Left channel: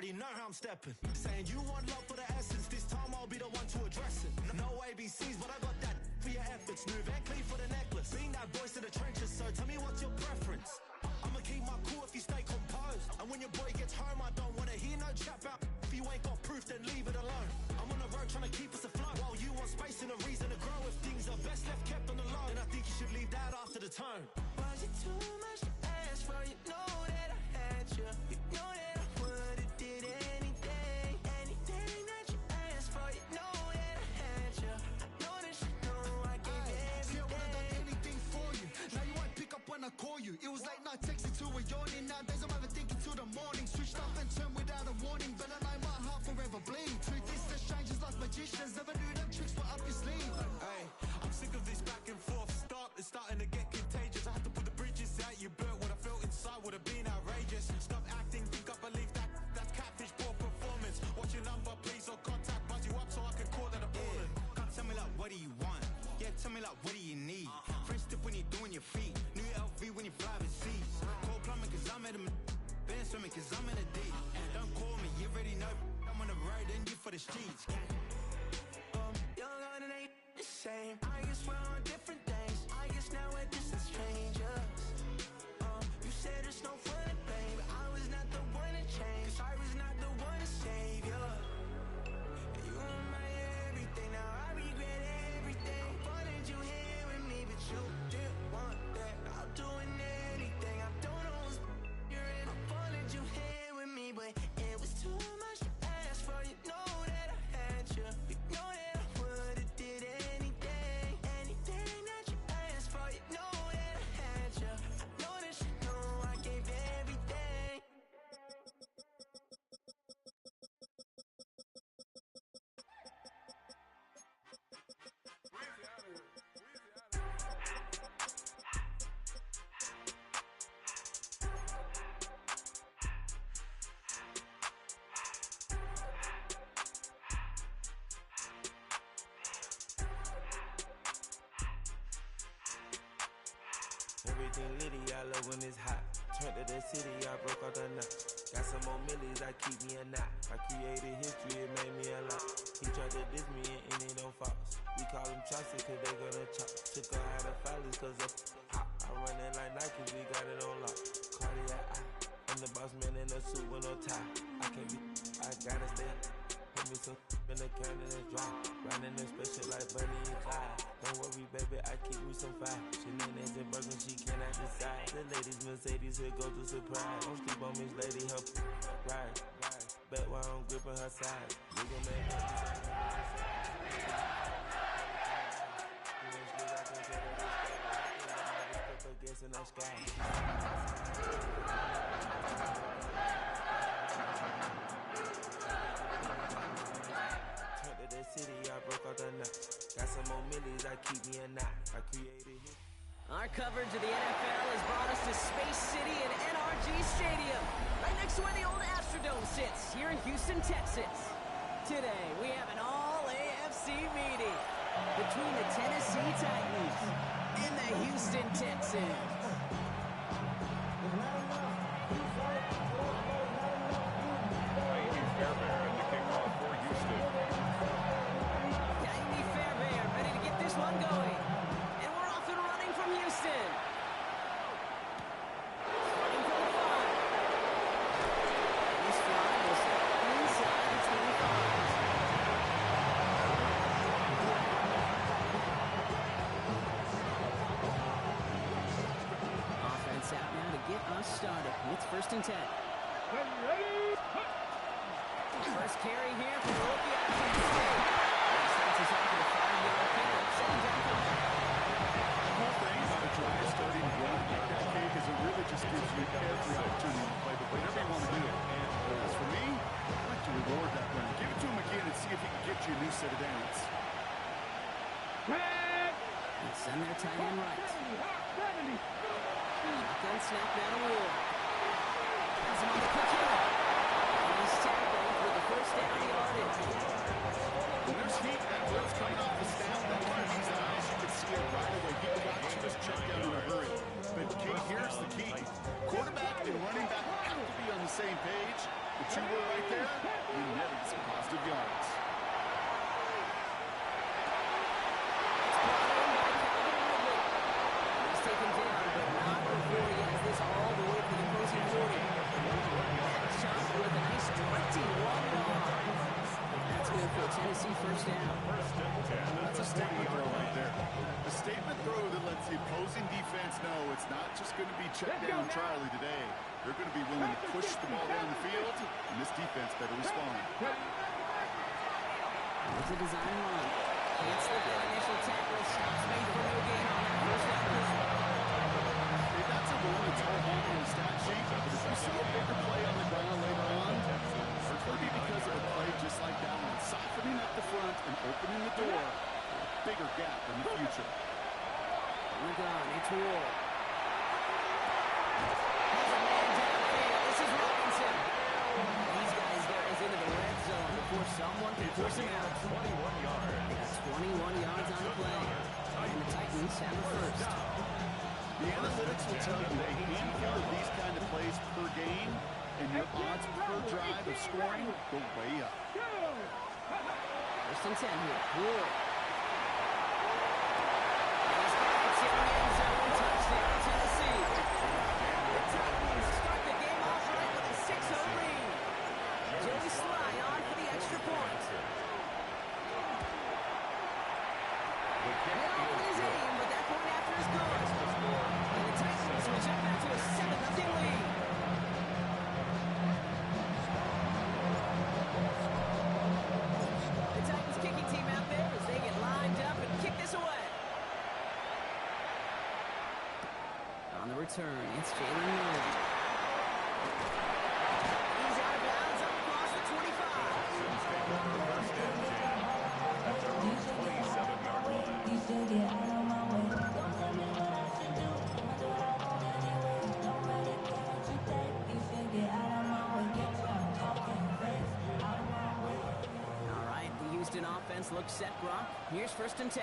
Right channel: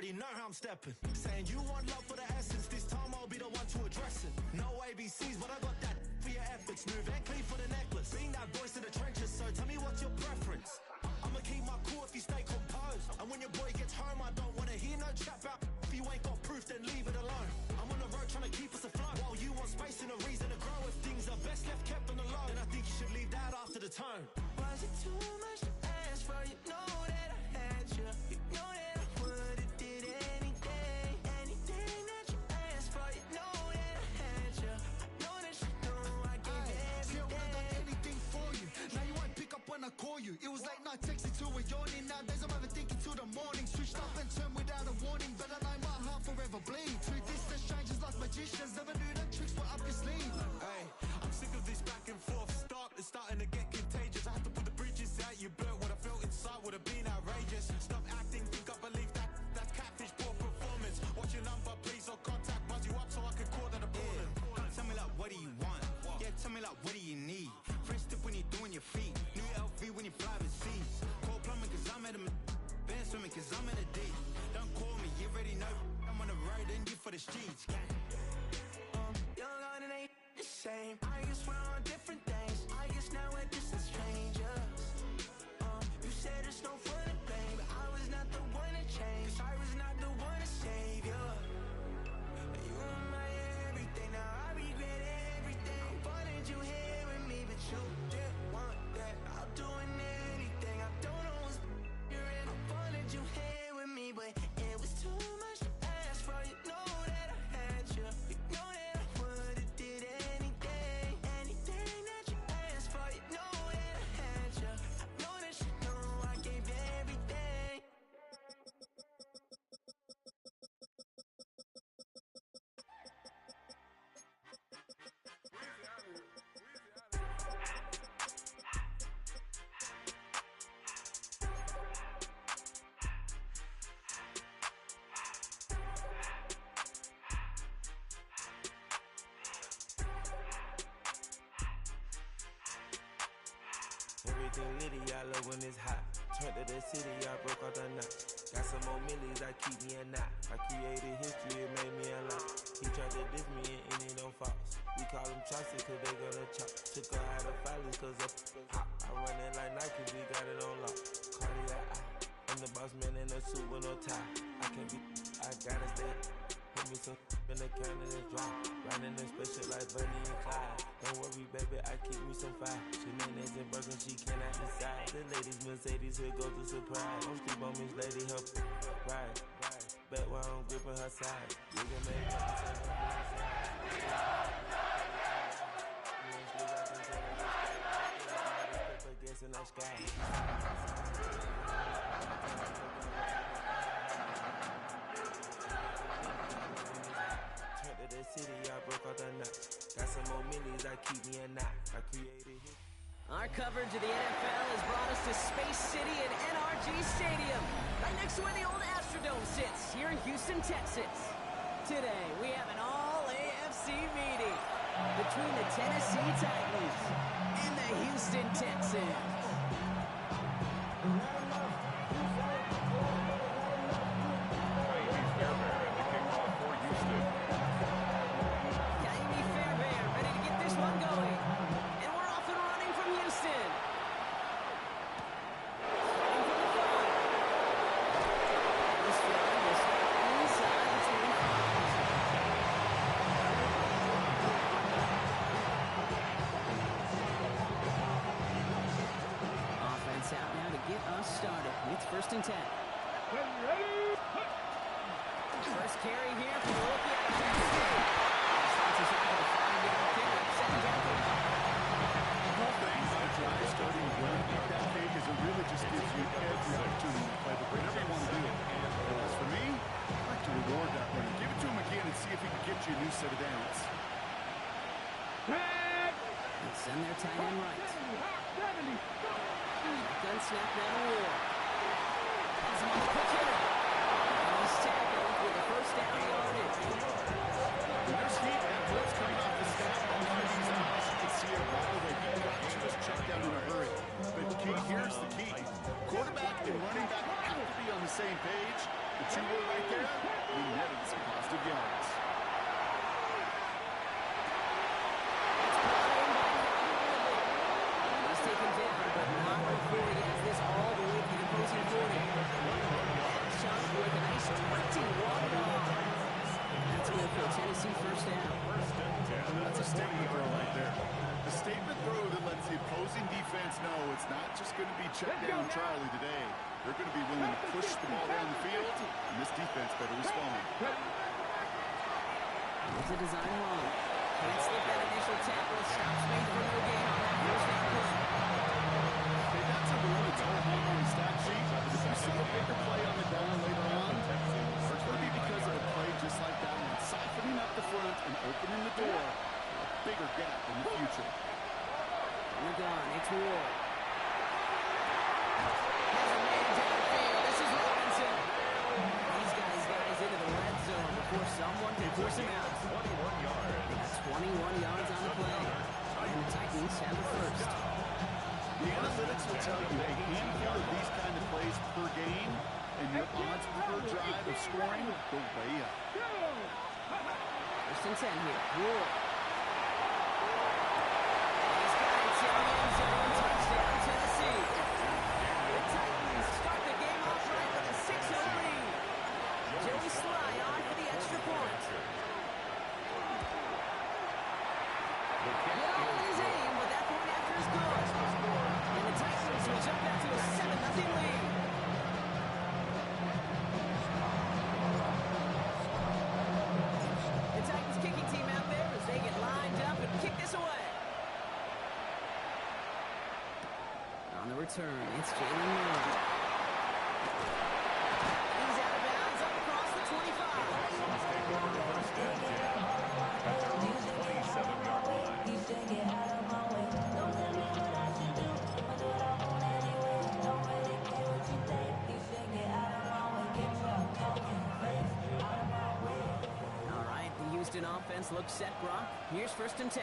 already know how I'm stepping. Saying you want love for the essence, this time I'll be the one to address it. No ABCs, but I got that for your efforts. New Van Cleef for the necklace. Being that voice in the trenches, so tell me what's your preference. I'ma keep my cool if you stay composed. And when your boy gets home, I don't wanna hear no chat about. If you ain't got proof, then leave it alone. I'm on the road trying to keep us afloat. While you want space and a reason to grow. If things are best left kept on the low, then I think you should leave that after the tone. Was it too much to ask for? You know that I had you. You know that I would've did anything. Anything that you asked for. You know that I had you. I know that you know I gave everything. See, I would've done anything for you. Now you won't pick up when I call you. It was late night texting till we're yawning. Nowadays I'm overthinking till the morning. Switched up and turned without a warning. But I know my heart forever bleed. Truth is that strangers like magicians. Never knew them tricks were up your sleeve. Hey, I'm sick of this back and forth. It's starting to get contagious. I have to put the bridges out you built. What I felt inside would have been outrageous. Stop acting, think I believe that. That's catfish, poor performance. What's your number, please, or contact. Buzz you up so I can call that a ballin'. Can't tell me like, what do you want? Yeah, tell me like, what do you need? Fresh tip when you're doing your feet. New LV when you fly overseas. Cold plumbing cause I'm at a band swimming cause I'm in a D. Don't call me, you already know. I'm on the road and you for the streets. Young on it ain't the same. I guess we're on different things. I guess now we're distant strangers. You said there's no fun to blame, but I was not the one to change. Cause I was not the one to save you. And you were my everything. Now I regret everything. I wanted you here with me, but you didn't want that. I'm doing anything. I don't know what's you're in. I wanted you here with me, but it was too much to ask for. You know that I had you. You know that I would've did anything. Anything that you asked for. You know that I had you. I know that you know I gave everything. Everything litty, I love when it's hot. Turned to the city, I broke all the knots. Got some more millies, I keep me a knot. I created history, it made me a lot. He tried to diss me and it don't false. We call them chopsticks cause they gonna chop. Took her out of filers cause of hot. I run it like Nike, we got it on lock. Cardiac eye, I'm the boss man in a suit with no tie. I can't be, I gotta stay. Put me some in the can and it's dry. Riding in special like Bunny and Clyde. Don't worry, baby, I keep me some fire. Shenanigans and Birkin, she cannot decide. The ladies Mercedes, here goes the surprise. Don't sleep on Miss Lady, help ride. Bet while I'm gripping her side. Nigga made me say guess in the sky. Turned to the city, I broke all the nuts. Got some more millies, I keep me a knot. I created it. Our coverage of the NFL has brought us to Space City and NRG Stadium, right next to where the old Astrodome sits, here in Houston, Texas. Today, we have an all-AFC meeting between the Tennessee Titans and the Houston Texans. Fairbairn, the kickoff for Houston. Jaime Fairbairn ready to get this one going. And we're off and running from Houston. Starting from the 5. And this drive will start inside the 25. Offense out now to get us started. It's 1st and 10. First carry here from the rookie out of Kansas State. He starts us off with a 5-yard pickup. 2nd down for him. The whole thing about a drive starting to run like that, Cake, is it really just gives you every opportunity to play, but whatever you want to do. As for me, I'd like to reward that runner. Give it to him again and see if he can get you a new set of downs. And send their tight end right. Shotgun snap down to Ward. Has him on the quick hitter. And he's tackled with the 1st down yardage. When there's heat, that blitz coming off the snap, that QB's eyes, you can see it right away. He got to his check down in a hurry. But here's the key. Quarterback and running back have to be on the same page. If two were right there. We netted some positive yards. It's brought in by Calvin Ridley. He's taken down, but not before he has this all the way to the opposing 40. That chunk with a nice 21 yards. That's good for a Tennessee first down. That's a statement throw right there. A statement throw that lets the opposing defense know it's not just going to be check down Charlie today. They're going to be willing to push the ball down the field, and this defense better respond. It's a design run. Can't slip that initial tackle. Stops made for no gain on that first down play. Hey, that's a rule that's all home on the stat sheet. But if you see a bigger play on the ground later on, it's going to be because of a play just like that one, softening up the front and opening the door for a bigger gap in the future. From the gun, it's Ward. Has a man downfield. This is Robinson. He's got his guys into the red zone before someone can force him out. 21 yards. They got 21 yards on the play. And the Titans have the first. The analytics will tell you a handful of these kind of plays per game, and your odds per drive of scoring go way up. First and 10 here. Ward. And he's got it in the end zone. Touchdown, Tennessee. The Titans start the game off right with a 6-0 lead. Joey Sly on for the extra point. Get off with his aim, but that point after is good. And the Titans will jump out to a 7-0 lead. The Titans kicking team out there as they get lined up and kick this away. On the return, it's Jalen Milne. He's out of bounds up across the 25. Texans take over first and 10 at their own 27-yard line. You should get out of my way. Don't tell me what I should do. I'ma do what I want anyway. Don't really care what you think. You should get out of my way. Get your fucking face out of my way. All right, the Houston offense looks set, Brock. Here's first and 10.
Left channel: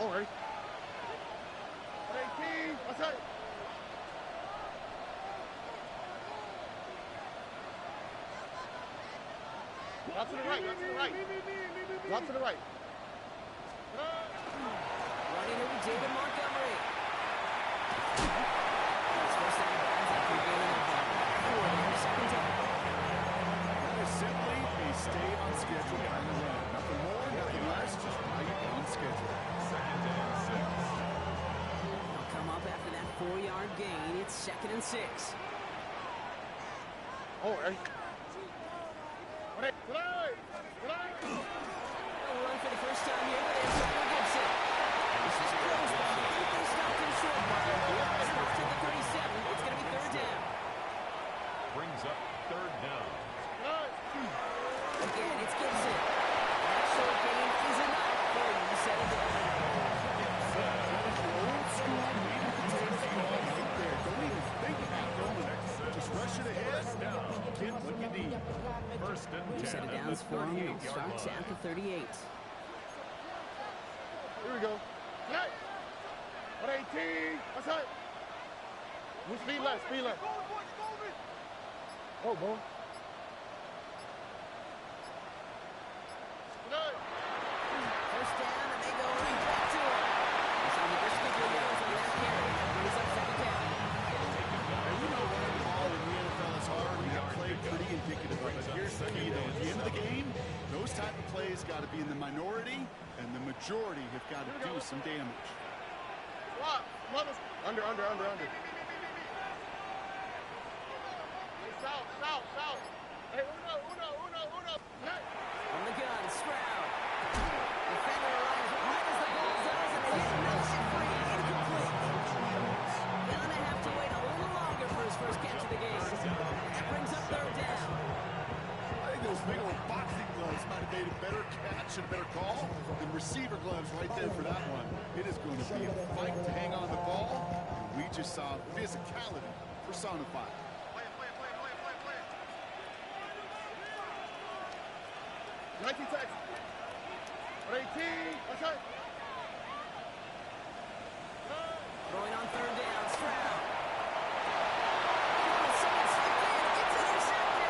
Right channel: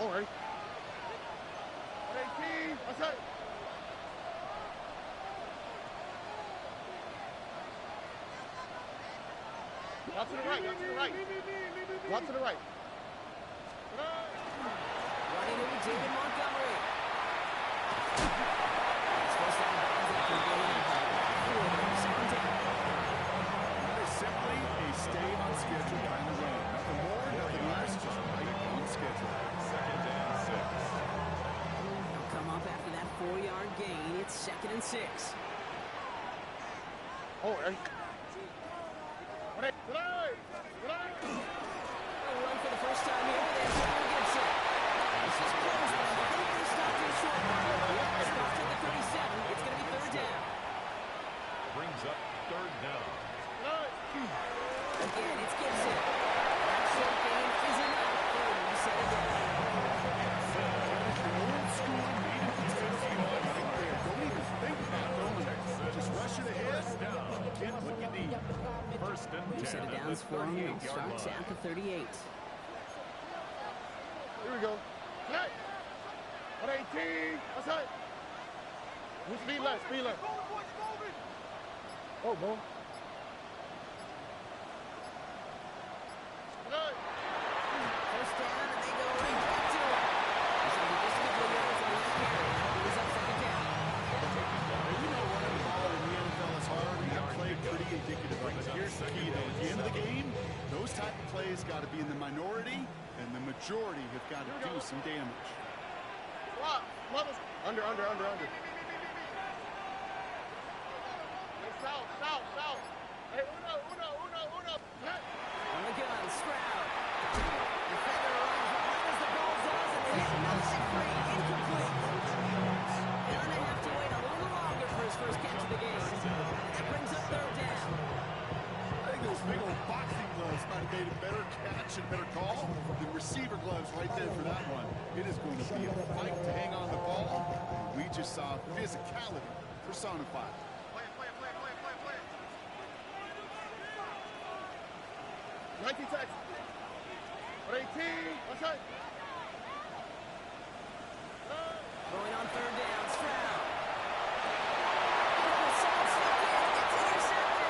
All right. 18. What's that? Out to the right. Out to the right. Out to the right. Running it with David Montgomery. It's first down bounds after gaining the ball. 4 there, second down. That is simply a stay on schedule kind of run. Nothing more, nothing less, just right on schedule. Second and 6. They'll come up after that 4-yard gain. It's second and 6. All right. They'll run for the first time here with Antonio Gibson. This is close, but I think they stopped him short. Yep, stopped at the 37. It's going to be third down. Brings up third down. Again, it's Gibson. That short gain is enough for him to set it down. Old school meat and potato football right there. Don't even think about going. Just rush it ahead. Get what you need. First and 10 You set it at down the for him. He'll 38-yard start at the 38. Here we go. Hey. 118. What's that? Speed left. Speed left. Oh, boy. First down, and they go right back to him. He's only just a couple of yards on that carry. That brings up second down. And we know running the ball in the NFL is hard, and that play pretty indicative of it. Here's the key, though. At the end of the game, those type of plays got to be in the minority, and the majority have got to do some damage. Under. Hey, south. Hey, uno. Hey. On the gun, Stroud. Defender arrives right as the ball does, and the hit knocks it free. Incomplete. Gonna have to wait a little longer for his first catch of the game. And that brings up third down. I think those big old boxing gloves might have made a better catch and a better call than receiver gloves right there for that one. It is going to be a fight to hang on the ball, and we just saw physicality personified. Play it. 19 Texans. 118. What's that? Throwing on third down, Stroud. Oh, someone slipped in. It's intercepted.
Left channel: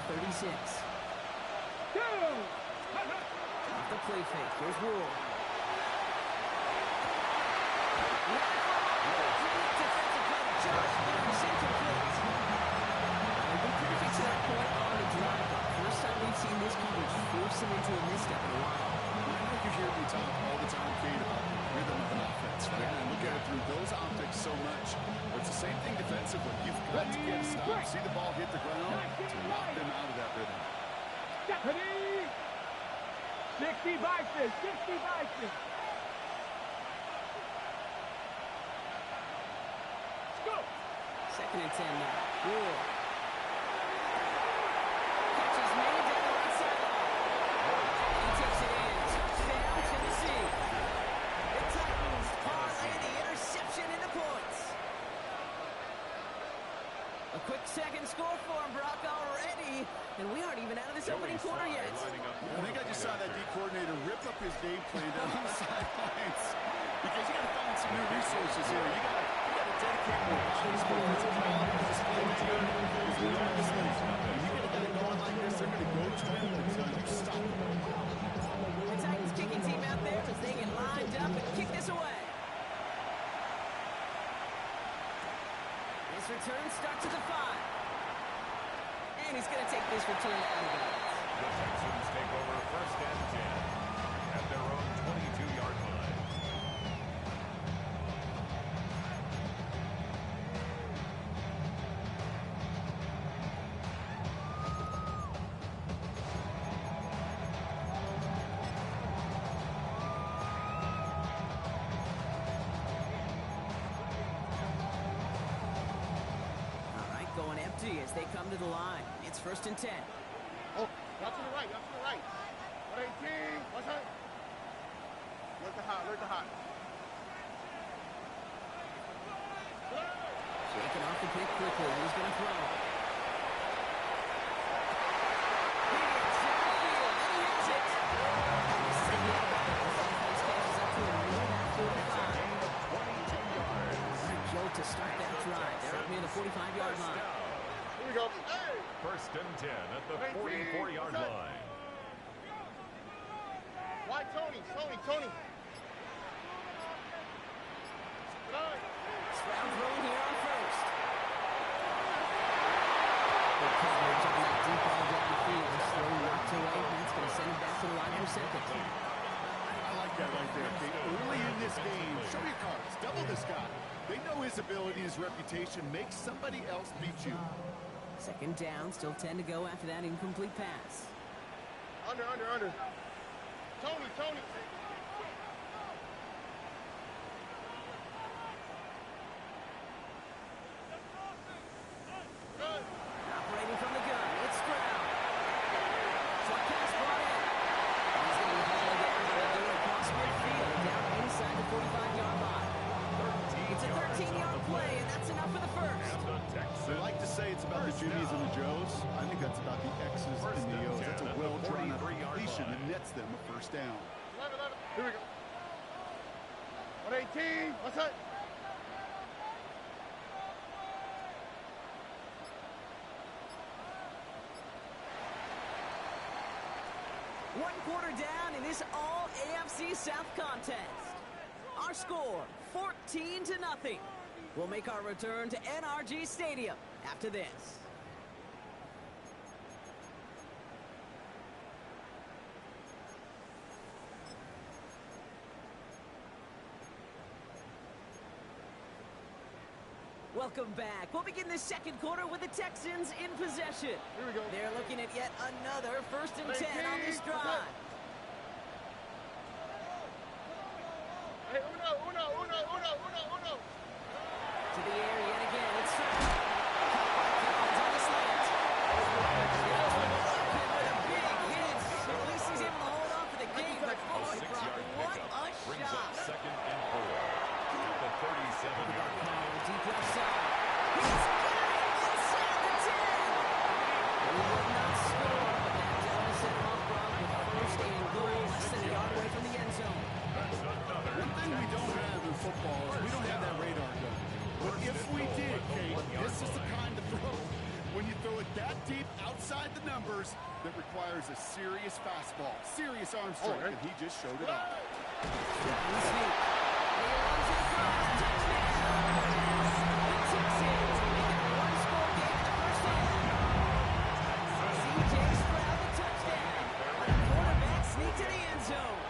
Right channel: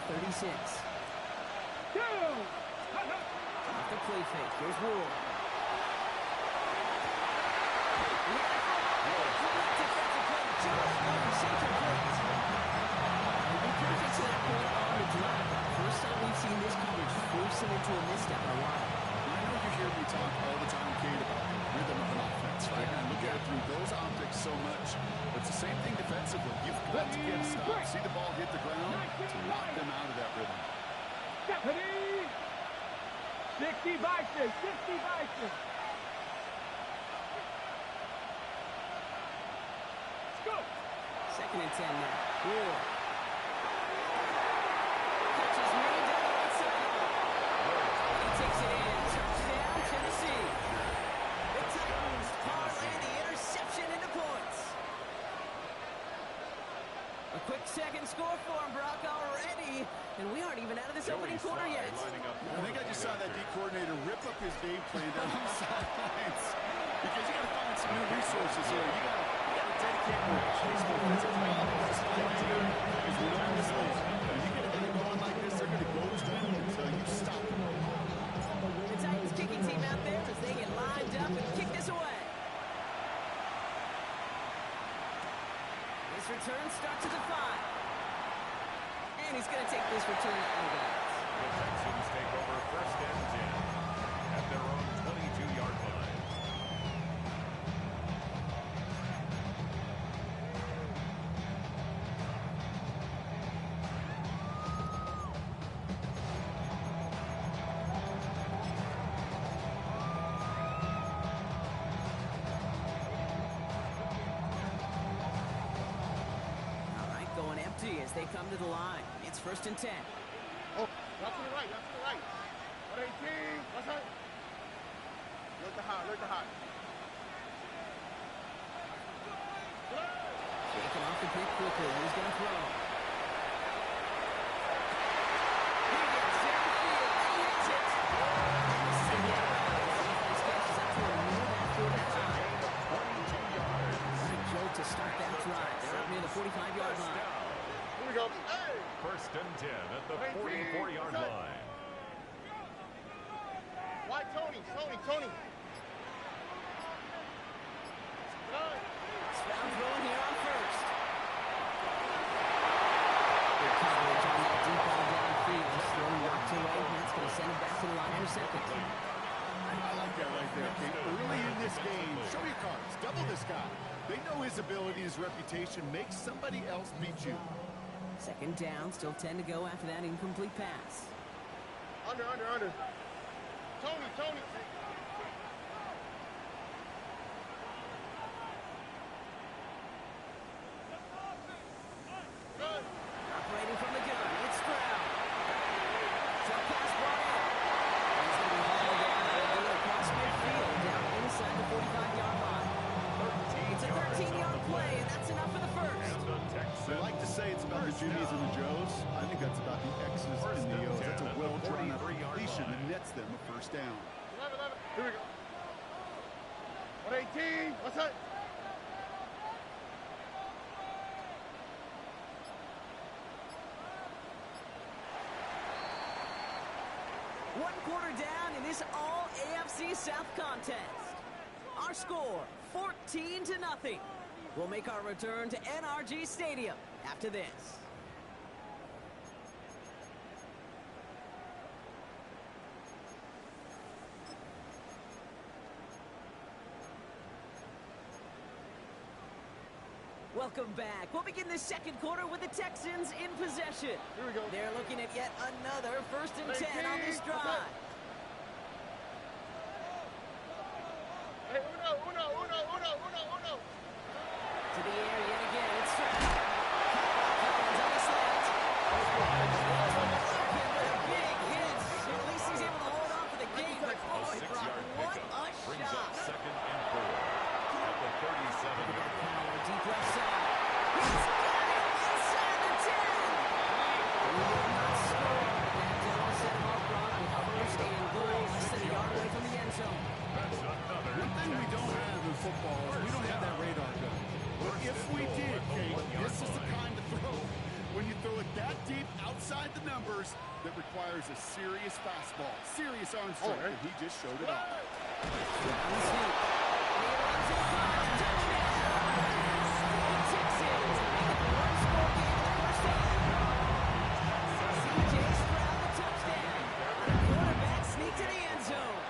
36. Off the play fake. Here's Wool. Defensive play. Just loose, incomplete. It'd be perfect to that point on the drive. First time we've seen this coverage force him into a misstep in a while. I know you hear me talk all the time, Kate, about the rhythm of an offense, right? Yeah. And I look at it through those optics so much. But it's the same thing defensively. You've got to get a stop, see the ball hit the ground to knock them out of that rhythm. Stephanie! 60 Bison! 60 Bison! Let's go! 2nd and 10 now. Wool. Catch is made down the right sideline. And he takes it in. Touchdown, Tennessee. The Titans parlay the interception into points. A quick second score for him, Brock, already. And we aren't even out of this opening quarter yet. I think I just saw that D coordinator rip up his game plan down on the sidelines. Because you got to find some new resources here. You got to dedicate more bodies, more physicality to this play because we know in this league, when you get a guy going like this, they're going to go to him until you stop him. The Titans kicking team out there as they get lined up and kick this away. His return starts at the 5. And he's going to take this return out of bounds. The Texans take over 1st and 10 at their own 22-yard line. Going empty as they come to the line. It's 1st and 10. Oh, not to the right, not to the right. 118, what's that? Look the hot. Shaking off the pick quickly. He's going to throw. He gets downfield, and he hits it. This is going to be out of bounds. The defense catches up to him near that 45. It's a gain of 22 yards. What a jolt to start that drive. They're up near the 45-yard line. Here we go. Hey! 1st and 10 at the 44-yard line. Why Tony? Stroud throwing here on 1st. Good coverage on that deep ball downfield. Throw knocked away. That's going to send him back to the line for 2nd. I like that right there, Kate. Early in this game, show your cards. Double this guy. They know his ability, his reputation. Make somebody else beat you. 2nd down, still 10 to go after that incomplete pass. Under. Tony. Good. Operating from the gun, it's Stroud. Short pass brought in. He's going to be hauled down and do it across midfield, down inside the 45-yard line. It's a 13-yard play, and that's enough for the 1st. They like to say it's about the Jimmies and the Joes. I think that's about the X's and the O's. That's a well-drawn-up completion that nets them a 1st down. 11. Here we go. 118, what's that? One quarter down in this all AFC South contest. Our score, 14-0. We'll make our return to NRG Stadium after this. Welcome back. We'll begin the 2nd quarter with the Texans in possession. Here we go. They're looking at yet another 1st and 10 on this drive. Hey, uno. To the air yet again. It's Stroud. Collins on the slant. Open with a big hit. At least he's able to hold on for the game. But boy, Brock, what a brings shot. up 2nd and 4 at the 37-yard line. Power deep left side. He's got it inside the 10. He will not score, but that will set him up, Brock, with 1st and goal, less than a yard away from the end zone. That's another. One thing we don't have in football is we don't have that radar gun. But if we did, Kate, this is the kind of throw when you throw it that deep outside the numbers, that requires a serious fastball, serious arm strength, and he just showed it off. Down the seat. And he runs it across. Touchdown! The Texans make it a one-score game in the first half. C.J. Stroud the touchdown. And the quarterback sneaked to the end zone.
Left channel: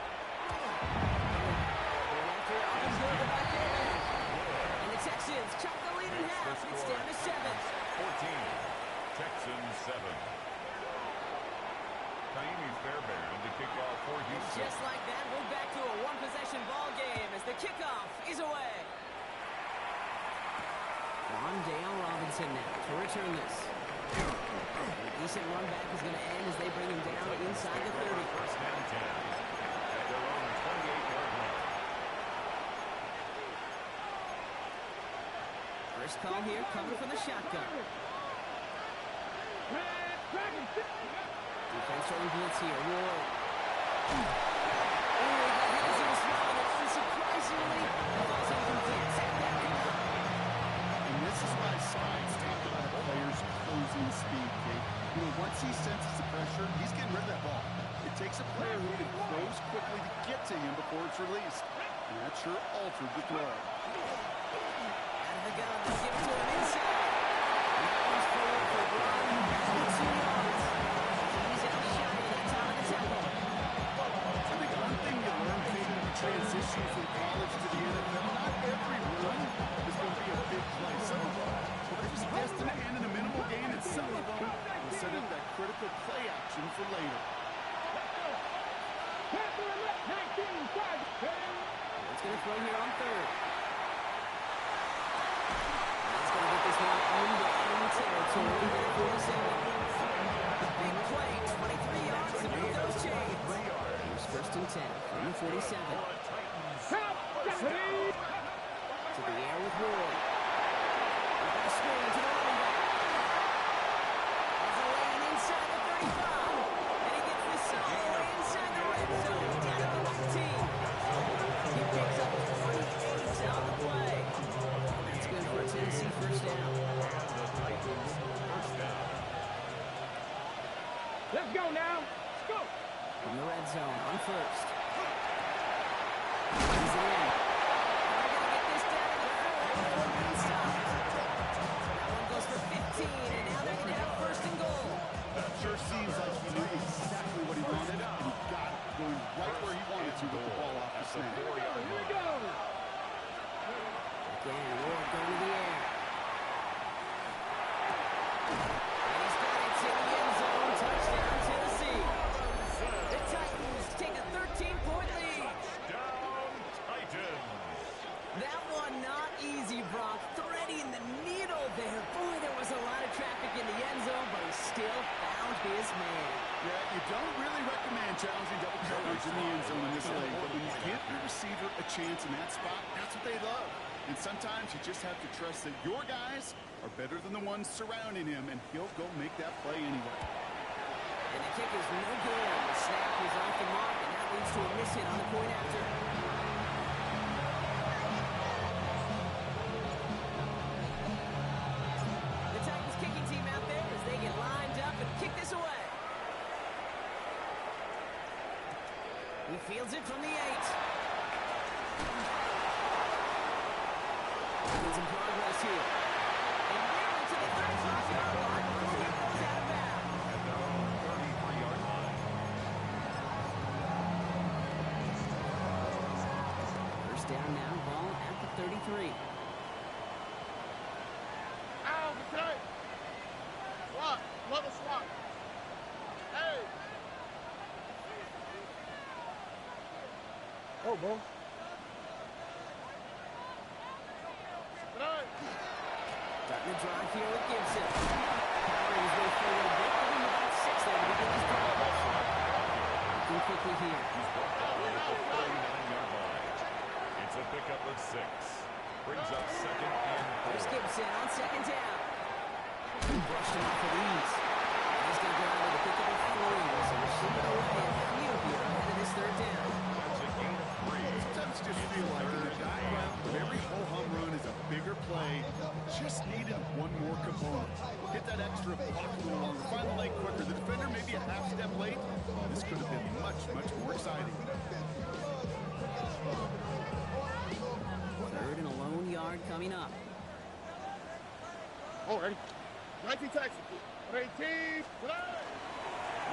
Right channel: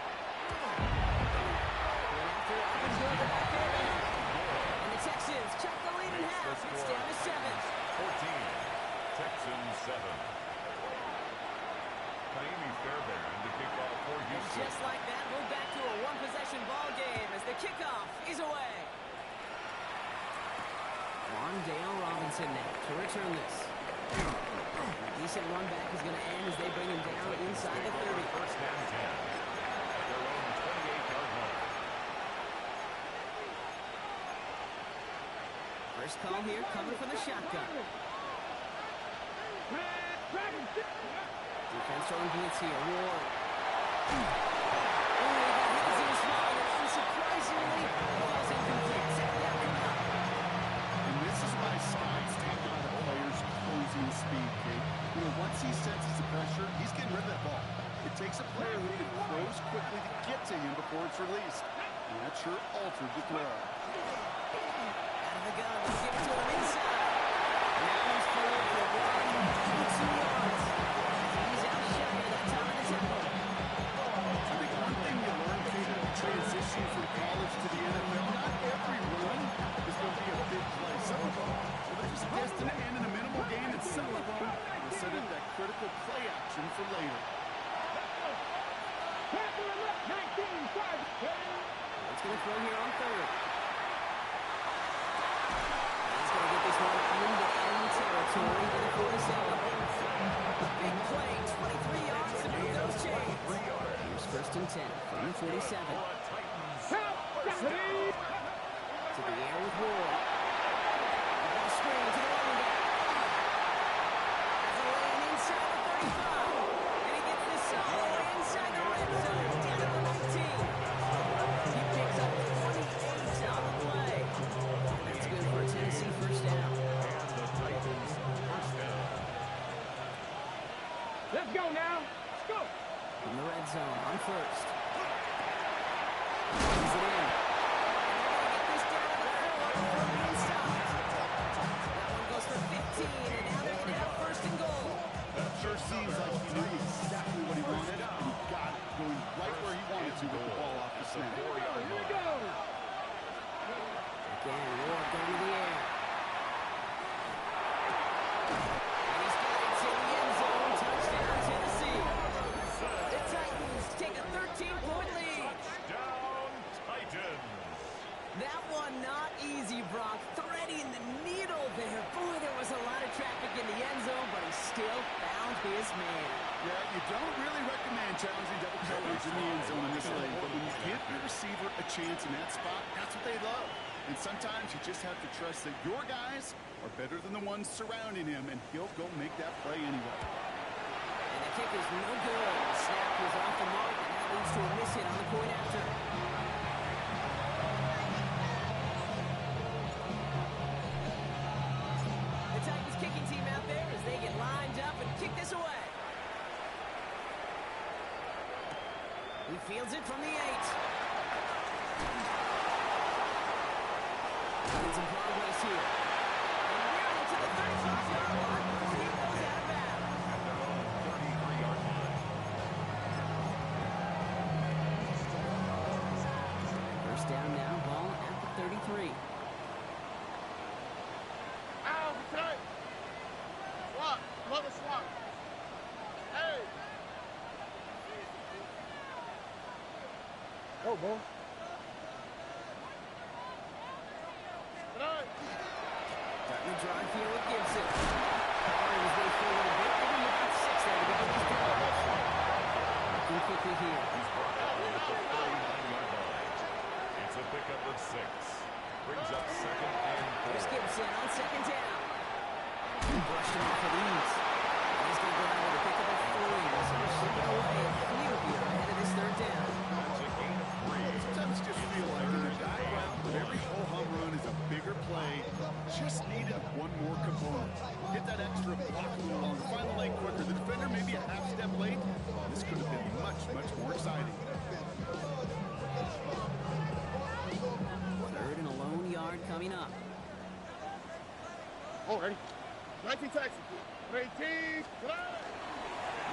Going after it, up and good by Beno. And the Texans chop the lead in half. It's down to 7. 14. Texans 7. Kaimi Fairbairn to kick off for Houston. Just like that, we're back to a one-possession ball game as the kickoff is away. Wandale Robinson now to return this. A decent run back is going to end as they bring him down inside the 30. First and 10 at their own 28-yard line. First call here, coming from the shotgun. Defense throwing blitz here. Ward. He got hit as he was throwing it. Unsurprisingly, it falls incomplete. Second down coming up. And this is why Scott's talking about a player's closing speed, Kate. You know, once he senses the pressure, he's getting rid of that ball. It takes a player who can close quickly to get to him before it's released. And that sure altered the throw. Out of the gun, they'll give it to him inside. And that one's forward for 2 yards. He's outshot that time in the tempo. I think one thing you learn, Kate, when you transition from college to the NFL, not every run is going to be a big play. Some of them, well, they're just destined to end in a minimal gain, and some of them will set up that critical play action for later. What's going to throw here on third? He's going to get this one into enemy territory to the 47. A big play, 23 yards to make those chains. Here's first and 10 from the 47. To the air with Ward. We've got a screen to the running back. There's a lane inside the 35. And he gets this all the way inside the red zone. Down to the 19. He picks up 28 on the play. That's good for a Tennessee first down. And the Titans first down. Let's go now. Let's go. From the red zone on first. Brings it in. And they're going to get this down to the 4 before being stopped. That one goes for 15, and now they're going to have first and goal. That sure seems like he knew exactly what he wanted, and he got it, going right where he wanted to with the ball off the snap. Here we go. Again, Ward going to the air. And he's got it to the end zone. Touchdown, Tennessee. The Titans take a 13-point lead. Down Titans. That one not easy, Brock. Threading the needle there. Boy, there was a lot of traffic in the end zone, but he still found his man. Yeah, you don't really recommend challenging double coverage in the end zone in this league, but when you give your receiver a chance in that spot, that's what they love. And sometimes you just have to trust that your guys are better than the ones surrounding him, and he'll go make that play anyway. And the kick is no good. The snap was off the mark, and that leads to a miss hit on the point after. The Titans kicking team out there as they get lined up and kick this away. He fields it from the 8. Making some progress here. And nearly to the 35-yard line before he goes out of bounds. At their own 33-yard line. First down now, ball at the 33. Ow, tight. Swat. Another swat. Hey. Oh, boy. Starting the drive here with Gibson. Powering his way forward a bit, giving him about 6 there to begin this drive. Looking quickly here. He's brought down at the 49-yard line. It's a pickup of 6. Brings up second and 4. Here's Gibson on second down. He brushed him off with ease. And he's going to go out with a pickup of 3. So we're slipping away a few here ahead of this third down. That's a gain of 3. Sometimes just feel like in the background, but every whole home run is a bigger play. Just needed one more component. Hit that that extra block a little longer. Find the lane quicker. The defender maybe a half step late. This could have been much, much more exciting. Third and a lone yard coming up. Oh, ready? 19 Texas. 18.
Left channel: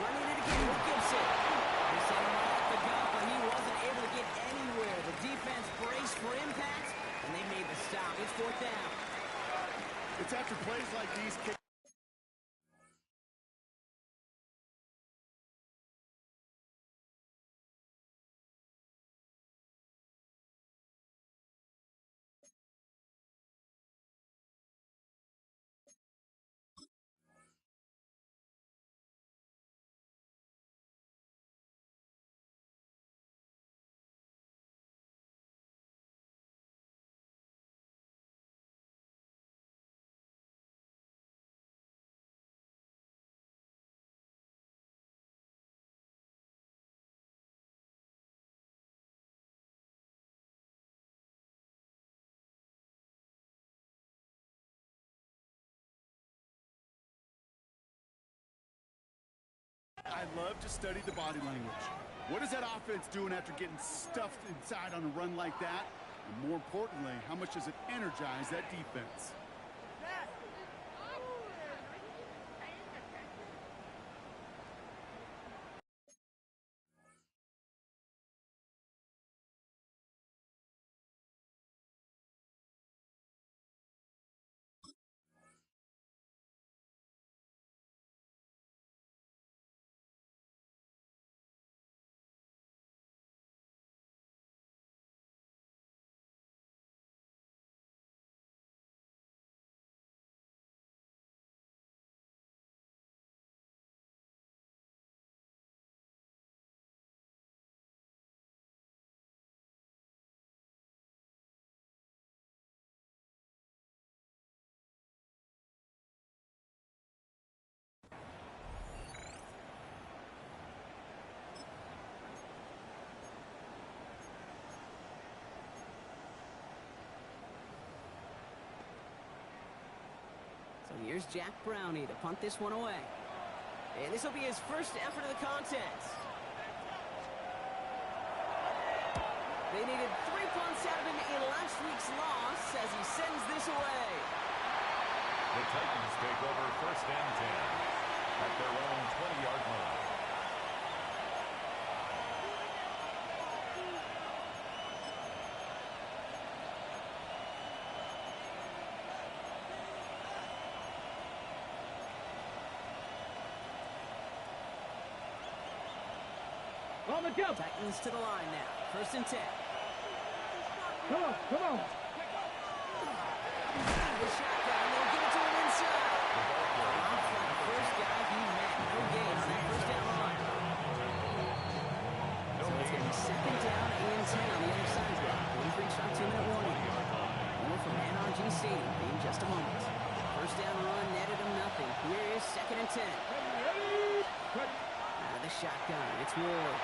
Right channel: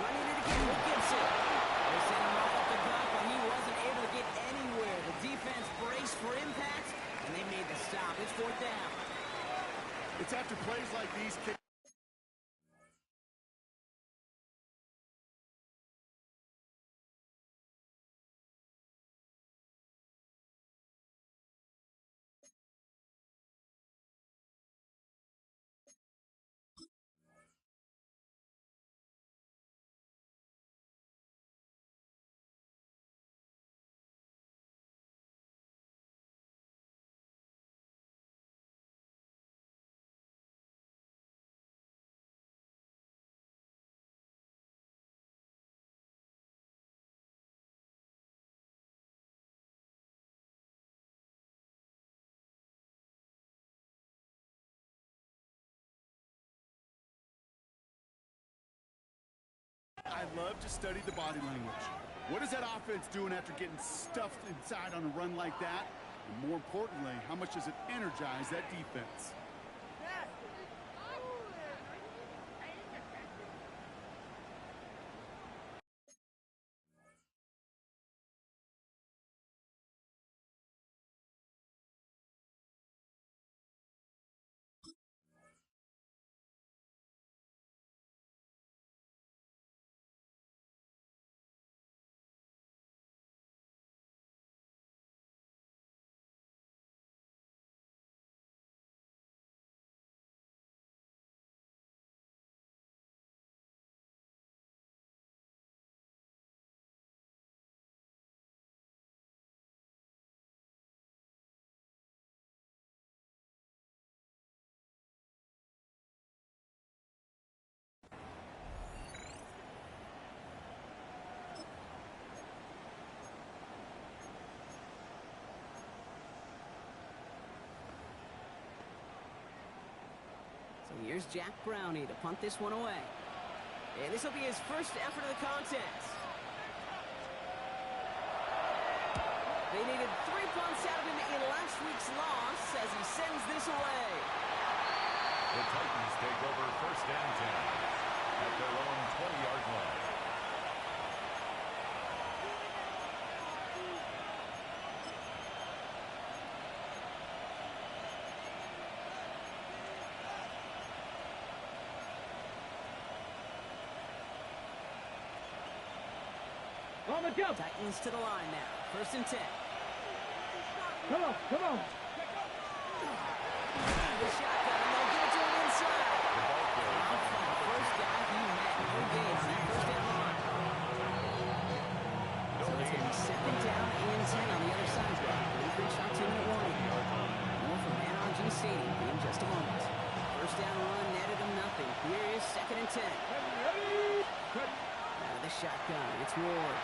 Running it again with Gibson. They sent him right up the gut, but he wasn't able to get anywhere. The defense braced for impact, and they made the stop. It's fourth down. It's after plays like these. I love to study the body language. What is that offense doing after getting stuffed inside on a run like that? And more importantly, how much does it energize that defense? So here's Jack Brownie to punt this one away. And this will be his first effort of the contest. They needed 3 punts out of him in last week's loss as he sends this away. The Titans take over first and 10 at their own 20-yard line. On the go. Titans to the line now. First and 10. Come on, come on. The shotgun, and they'll give it to him inside. First guy he met. No gain on that first down run. So it's going to be second down and 10 on the other side. We've reached our 2-minute warning. More from NRG Stadium in just a moment. First down run netted him nothing. Here is second and 10. Out of the shotgun, it's Ward.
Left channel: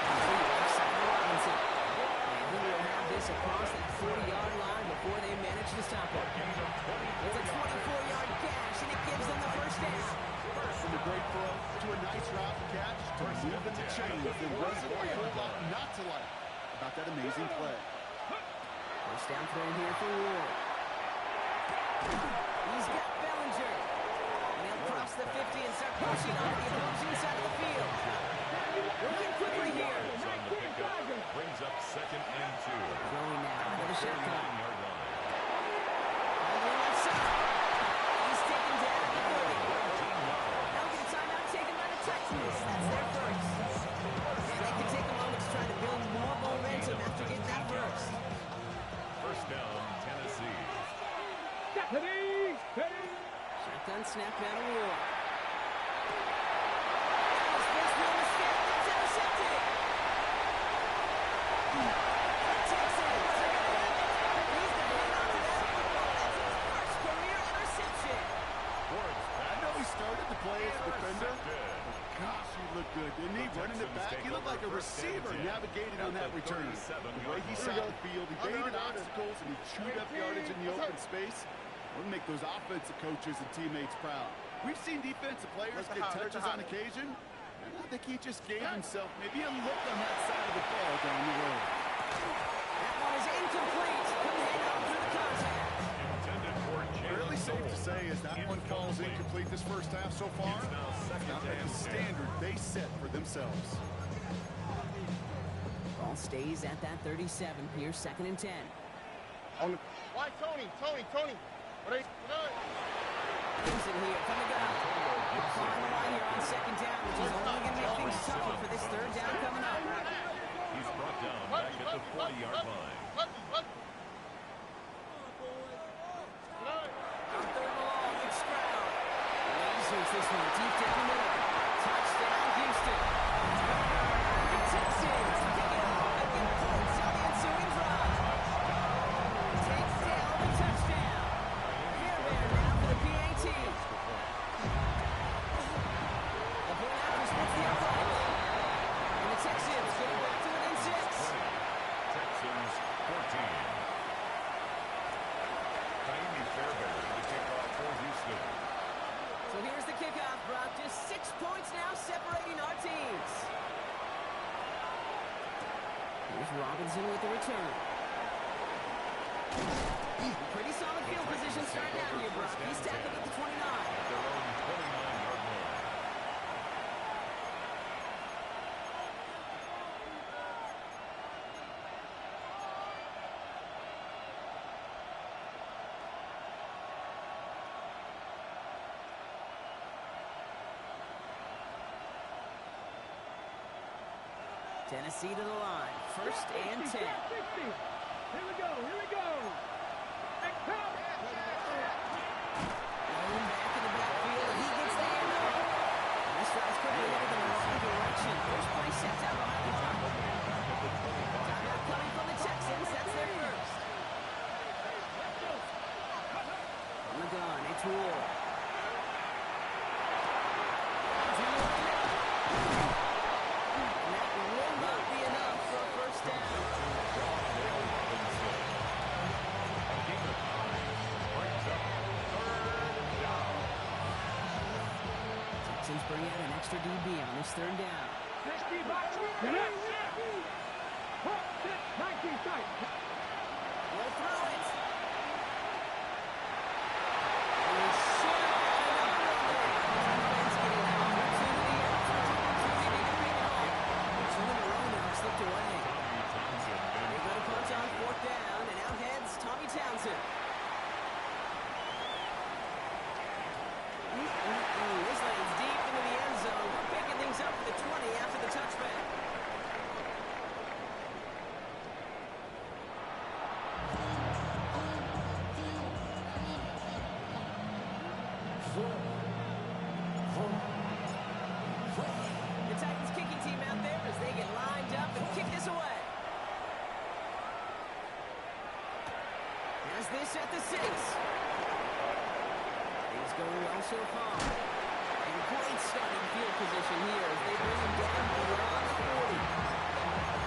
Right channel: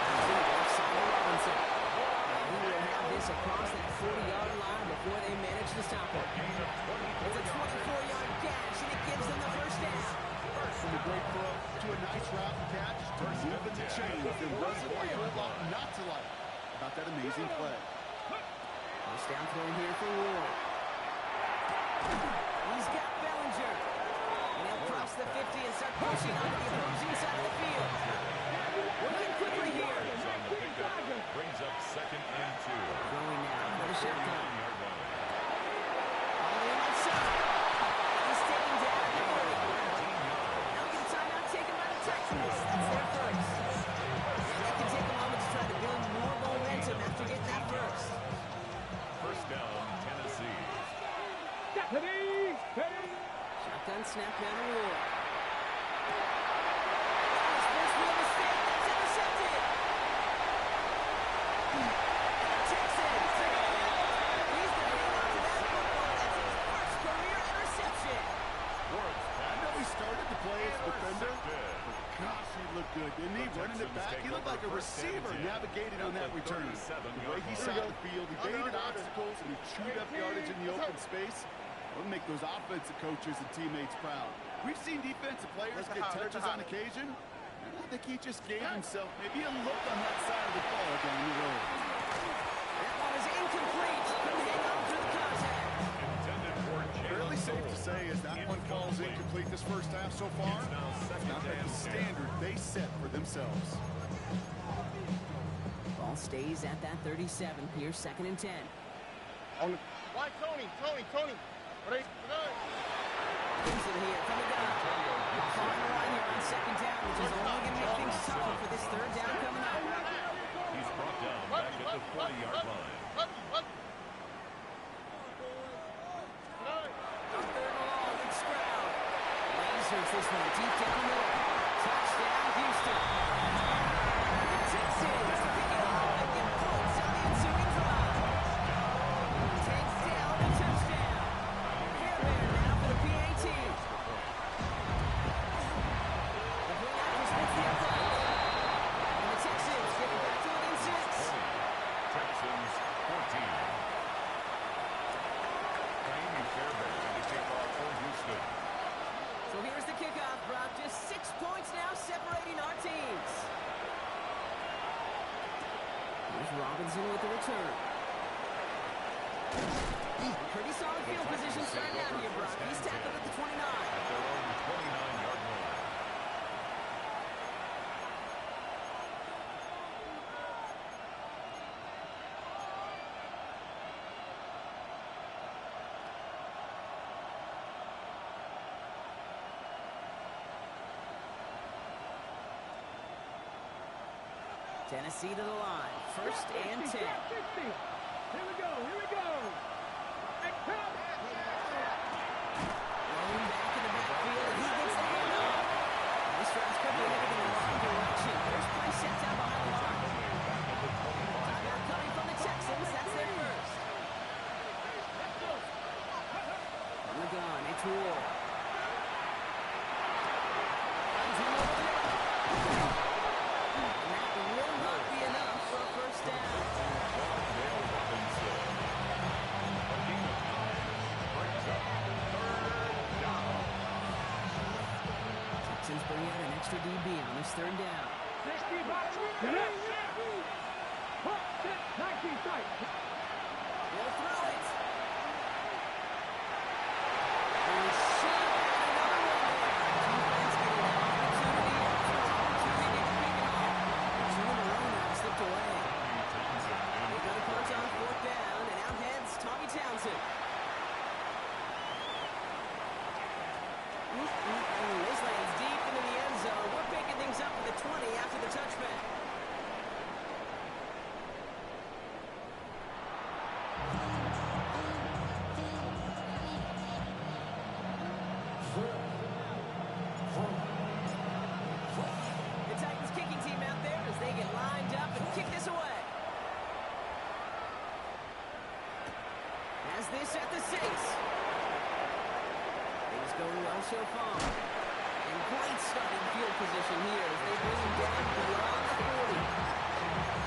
Left side of Robinson. And he will have this across that 40-yard line before they manage to stop it. It's a 24-yard gash, and it gives them the first down. From a great throw to a nice route and catch to moving the chains. There wasn't a whole lot not to like about that amazing play. First down throw here for Ward. He's got Bellinger. And he'll cross the 50 and start pushing on the opposing side of the field. Working quickly here. Brings up second and 2. Throwing now for the shotgun. 9-yard line. On the left side. He's taken down at the 30. Now we get a timeout taken by the Titans. That's their first. And they can take a moment to try to build more momentum after getting that first. First down, Tennessee. Shotgun snap down to Ward. His first real mistake. That's intercepted. And the Texans are going to have it. He's going to hang on to that football. That's his first career interception. Ward's I know he started to play as a defender, but gosh, he looked good, didn't he? Running it back, he looked like a receiver navigating on that return. The way he saw the field, he baited obstacles, and he chewed up yardage in the open space. We'll make those offensive coaches and teammates proud. We've seen defensive players get touches on occasion, and I think he just gave himself maybe a look on that side of the ball down the road. That one is incomplete. Couldn't hang on through the contact. Intended for Fairly safe to say as that one falls incomplete this first half so far. It's now second Not at and the 10. standard they set for themselves. Ball stays at that 37. Here's 2nd and 10. Why Tony? What are you doing? Gibson here from the gun. On the line here on 2nd down, which is only going to make things tougher for this 3rd down coming up. He's brought down back at the 40-yard line. On 3rd and long, it's Stroud. Lasers this one deep down the middle. Touchdown, Houston. The Texans pick it off and get points on the ensuing drive. Takes down the touchdown. Fairbairn now for the PAT. The Blackers splits the upright. And the Texans getting back to within 6. 20. Texans 14. Fairbairn to kick off for Houston. So here's the kickoff, Brock. Just 6 points now separating our teams. Here's Robinson with the return. Pretty solid field position starting out here, Brock. He's tackled at the 29. At their own 29-yard line. Tennessee to the line. 1st and 10. Here we go. Rolling back in the backfield. He gets the handoff. This drive's quickly headed in the wrong direction. First play set down behind the line. Timeout coming from the Texans. That's their first. From the gun, it's Ward. Comes in over the middle. And that will not be enough for a first down. Dale Robinson. A gain of 9 brings up 3rd down. Texans bring out an extra DB on this 3rd down. 60 box. 19 tight. He'll throw it. And he should have had another one there. Defense getting an opportunity after opportunity to pick it off. But 2 in a row now slipped away. They go to punch on 4th down, and out heads Tommy Townsend. This lands deep into the end zone. We're picking things up for the 20 after the touchback. The Titans kicking team out there as they get lined up and kick this away. Has this at the 6. Things going well so far. And great starting field position here as they bring him down beyond the 40.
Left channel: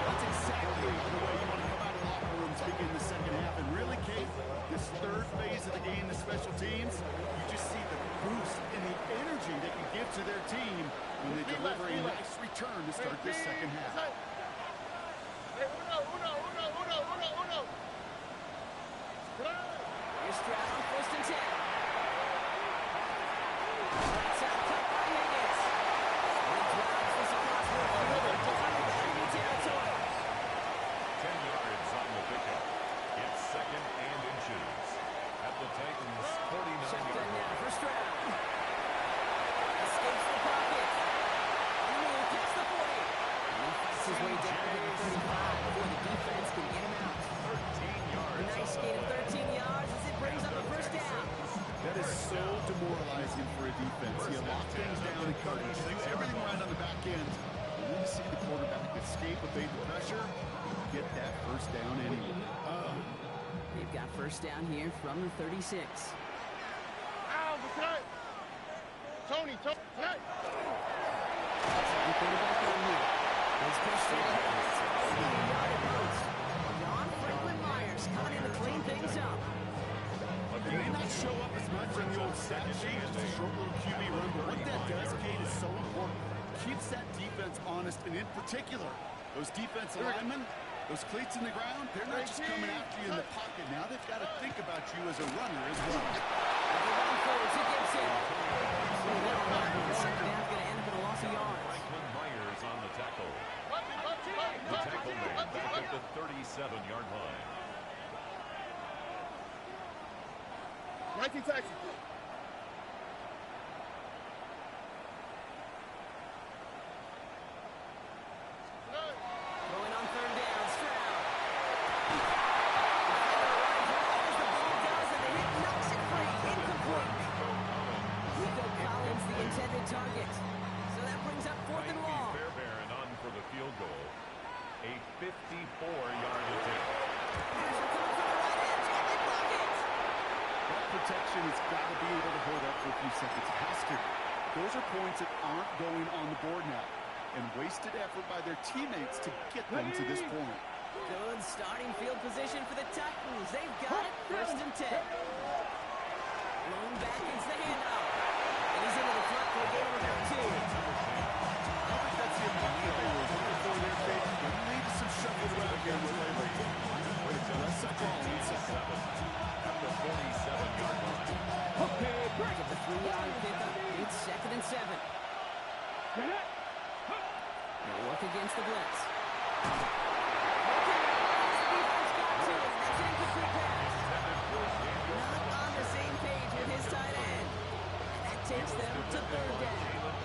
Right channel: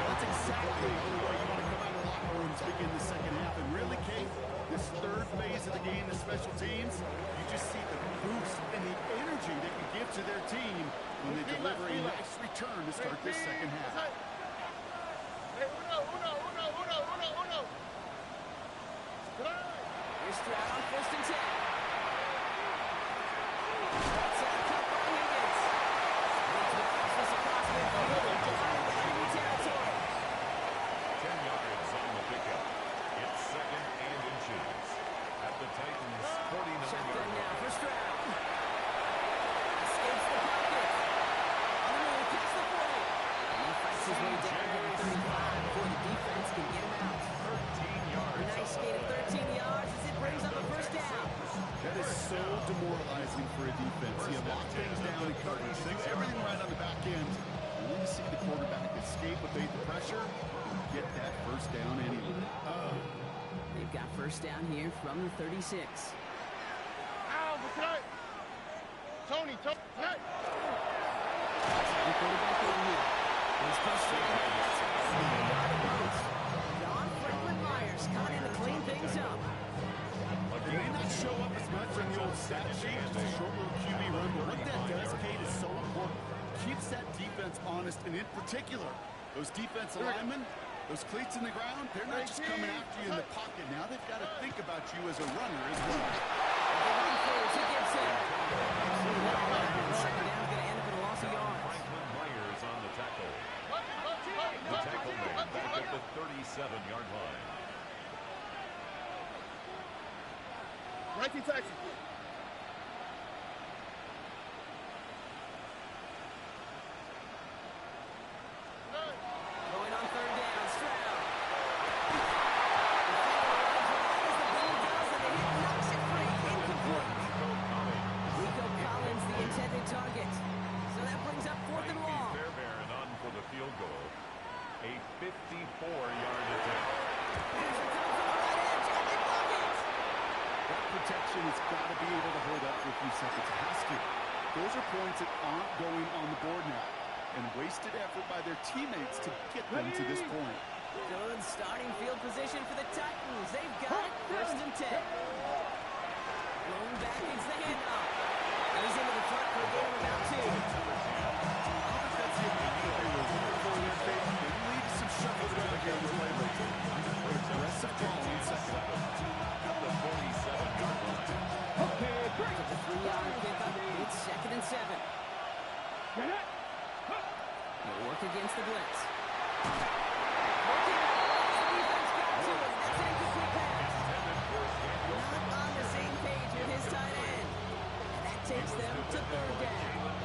That's exactly the way you want to come out of the locker rooms to begin the second half. And really, Kate, this 3rd phase of the game, the special teams, you just see the boost and the energy they can give to their team when they deliver a nice return to start this second half. Here's Stroud on 1st and 10. Right side cut by Higgins. And he drives this across midfield and down into enemy territory. 10 yards on the pickup. It's 2nd and inches. At the Titans' 49-yard Shotgun now line. for Stroud. Escapes the pocket. On the move, past the 40. And he fights his way down to the 35 before the defense can get him out. 13 yards. A nice gain of 13 yards as it brings up a first down. That is so demoralizing for a defense. You lock things down in coverage, you do everything right on the back end, and then you see the quarterback escape, evade the pressure, and get that first down anyway. They've got first down here from the 36. Ow, Tony. The quarterback in here. He's pushed straight ahead. It's only a yard at most. John Franklin Myers coming in to clean things up. It may not show up as much in the old stat sheet, just a short little QB run, but what that does, Kate, is so important. Keeps that defense honest, and in particular, those defensive linemen, those cleats in the ground, they're not just coming after you in the pocket. Now they've got to think about you as a runner as well. To Gibson. Second down's going to end up in a loss of yards. Franklin Myers on the tackle. The tackle made back at the 37-yard line. 19 Texans. Going on third down, Stroud. Defender arrives right as the ball does, and the hit knocks it free. Incomplete. Nico Collins, the intended target. So that brings up fourth and long. Fairbairn on for the field goal. A 54-yard attempt. Pressure coming from the right edge, and they block it. That protection has got to be able to hold up for a few seconds. It has to. Those are points that aren't going on the board now. And wasted effort by their teammates to get them to this point. Good starting field position for the Titans. They've got it. First and 10. Blown back into the handoff. And he's into the front for a gain of about 2. I don't think that's the amount that they were looking for there, Kate. They lead to some shuffle around here in the playbook. Aggressive call in second. At the 47-yard line. After the 3-yard pickup, it's second and 7. They'll work against the blitz. Working out as the defense got to him. That's an incomplete pass. Not on the same page with his tight end. And that takes them to third down.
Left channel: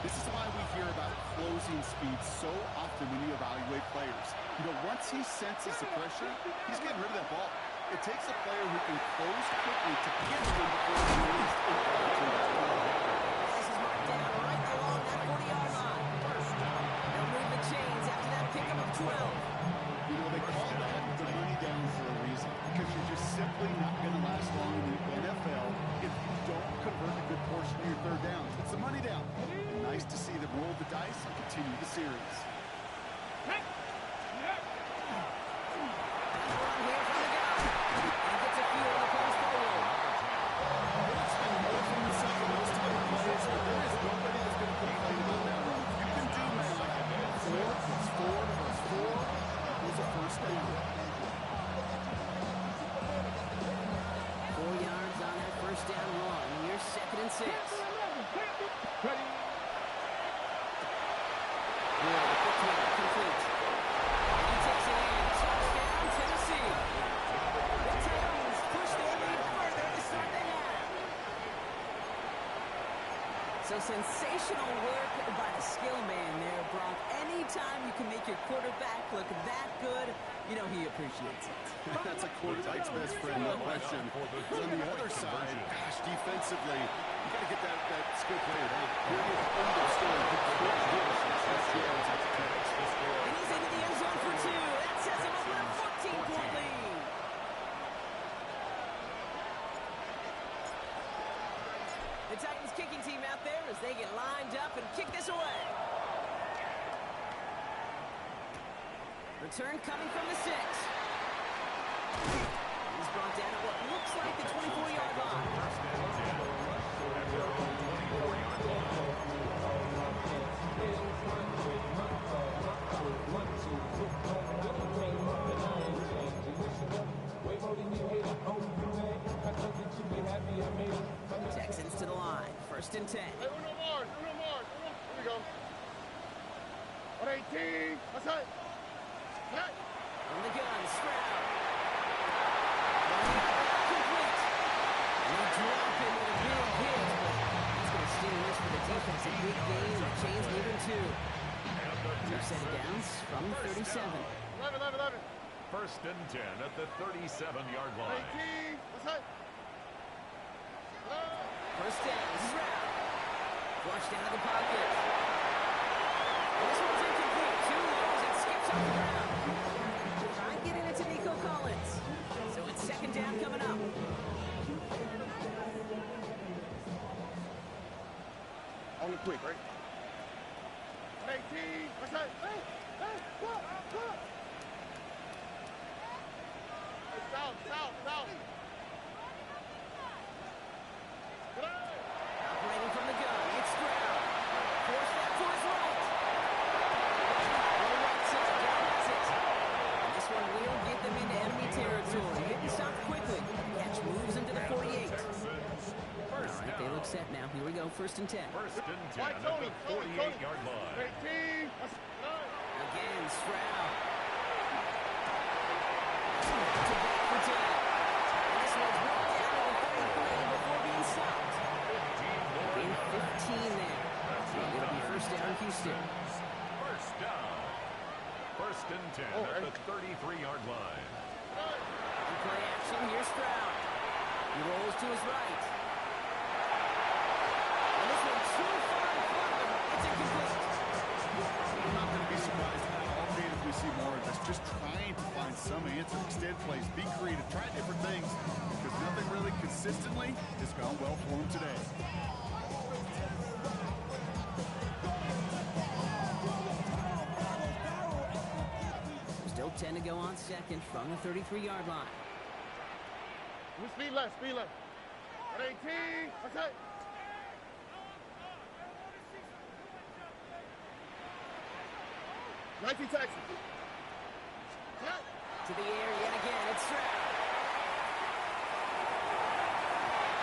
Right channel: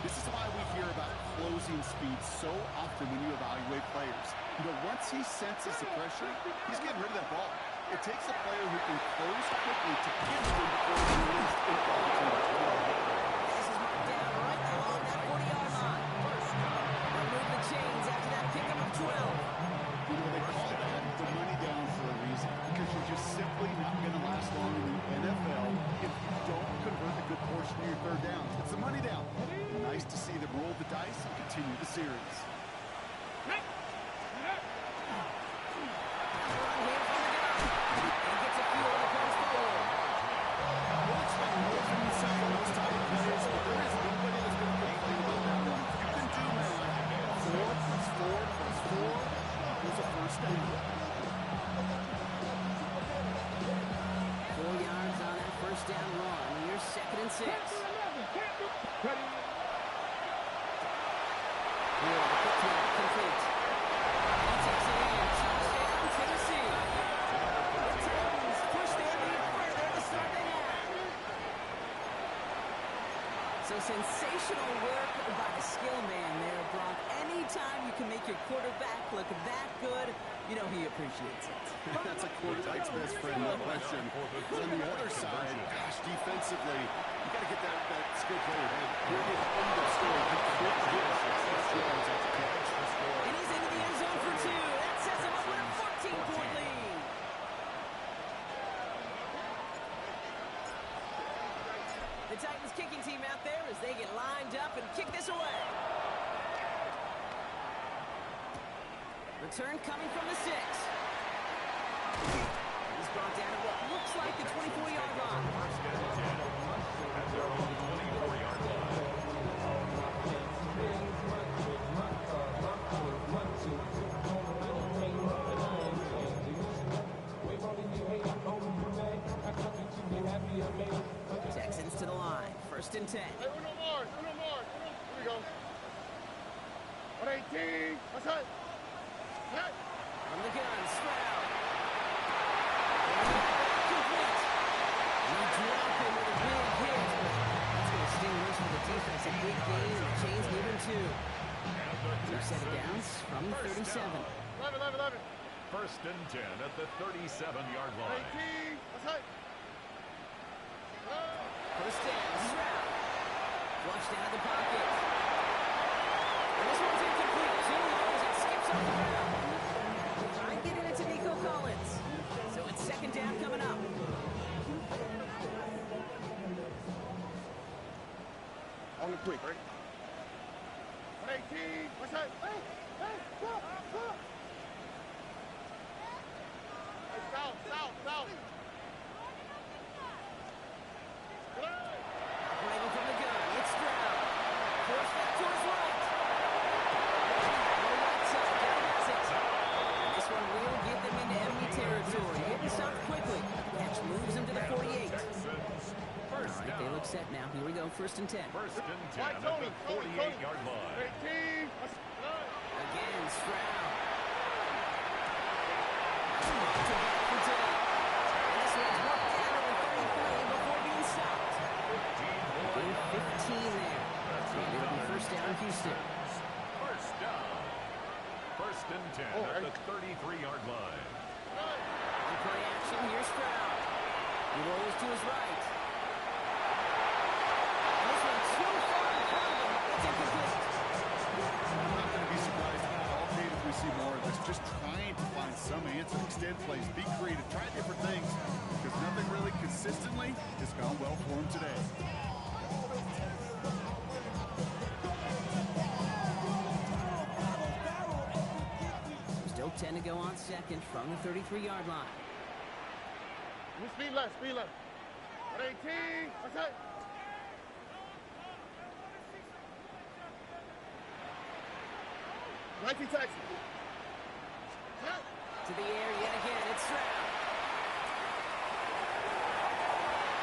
This is why we hear about closing speed so often when you evaluate players. You know, once he senses the pressure, he's getting rid of that ball. It takes a player who can close quickly to get to him before he's released in ball to that ball. This is marked down right along that 40-yard line. They'll move the chains after that pickup of 12. You know, they call that the money down for a reason, because you're just simply not going to last long in the NFL if you don't convert a good portion of your third downs. It's the money down. And nice to see them roll the dice and continue the series. Run here from the gun. And he gets a few on the plays forward. We'll expect more from himself on those type of plays, but there is nobody that's going to complain about that one. You can do math. 4 plus 4 plus 4 equals a first down. 4 yards on that first down run. Here's second and 6. Moore, the quick throw, complete. He takes it in. Touchdown, Tennessee. The Titans push their lead further to start the half. So sensational work by the skill man there, Brock. Anytime you can make your quarterback look that good, you know he appreciates it. That's a quarterback's best friend, no question. But on the other side, gosh, defensively, you got to get that skill player down. Here he is, end of story. He can't get us success yards at the catch. And he's into the end zone for 2. That sets him up with a 14-point lead. The Titans kicking team out there as they get lined up and kick this away. Return coming from the 6. He's brought down at what looks like the 24-yard line. First and 10 at their own 24-yard line. Texans to the line. First and 10. Hey, Uno Mars. Here we go. 118. That's it. Hey. From the gun, Stroud. Complete. And they drop him with a big hit, but that's going to sting worse for the defense. A big gain, and the chains moving 2. 2 set of downs from the 37. 11. First and 10 at the 37-yard line. 18. That's it. First down, Stroud. Flushed out of the pocket. And this one's incomplete. Too low as it skips off the ground. Try and get it into Nico Collins. So it's second down coming up. On the quick, right? 118. What's that? Hey, stop. Hey, south. Operating from the gun, it's Stroud. Force that to his right. Low right side, down has it. And this one will get them into enemy territory. Getting stopped quickly. Catch moves him to the 48. All right, they look set now. Here we go, 1st and 10. 1st and 10 at the 48-yard line. Again, Stroud. To back for 10. And this one's worked down to the 33 before being stopped. 15 there. And it'll be 1st down, Houston. 1st down. 1st and 10 at the 33-yard line. On play action, here's Stroud. He rolls to his right. And this one too far in front of him. It's incomplete. I'm not going to be surprised at all, Dave, if we see more of this. Just trying to find some answer, extend plays, be creative, try different things, because nothing really consistently has gone well for him today. Still 10 to go on 2nd from the 33-yard line. Speed left, speed left. 118, that's it. Texas. To the air yet again, it's Stroud.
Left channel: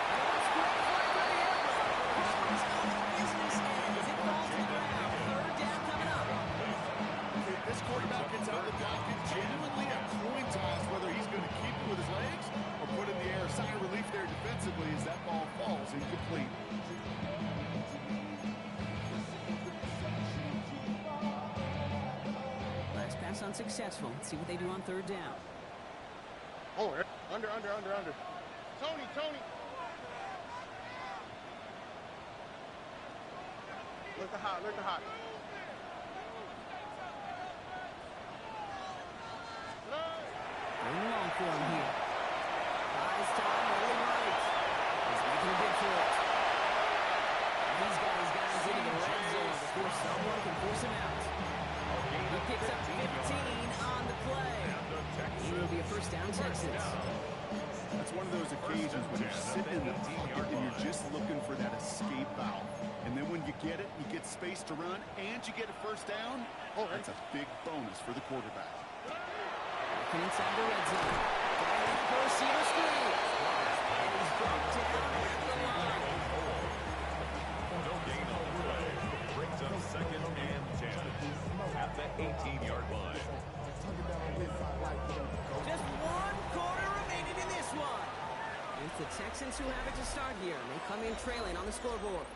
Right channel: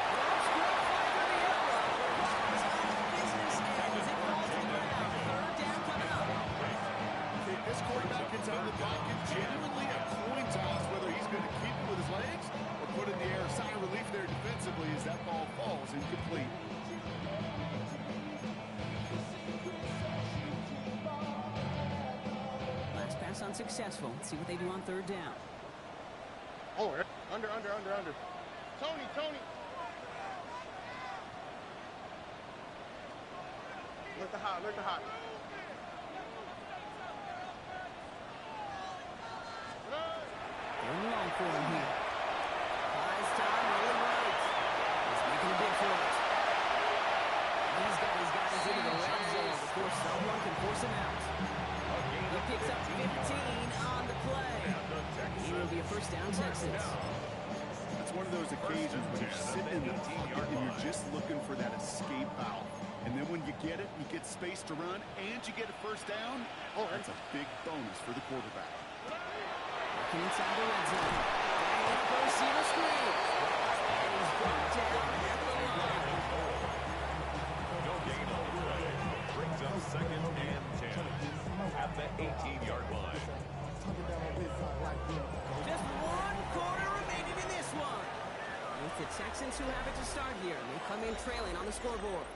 That's great play through the air route. The problems on the business end as it falls to the ground. 3rd down coming up. Okay, this quarterback gets out of the pocket, genuinely a coin toss whether he's going to keep it with his legs or put in the air. Sign of relief there defensively as that ball falls incomplete. Last pass unsuccessful. Let's see what they do on 3rd down. Oh, under. Tony. Look the hot. Going long for him here. Buys time, rolling right. He's making a bid for it. He's got his guys into the red zone before someone can force him out. He picks up 15 on the play. It will be a 1st down, Texans. That's one of those occasions when you're sitting in the pocket and you're just looking for that escape valve. And then when you get it, you get space to run, and you get a 1st down. Oh, that's a big bonus for the quarterback. Working inside the red zone. Dynamic receiver screen. And he's brought down at the line. No gain on the play. Brings up 2nd and 10 at the 18-yard line. Just 1 quarter remaining in this one. It's the Texans who have it to start here, and they come in trailing on the scoreboard.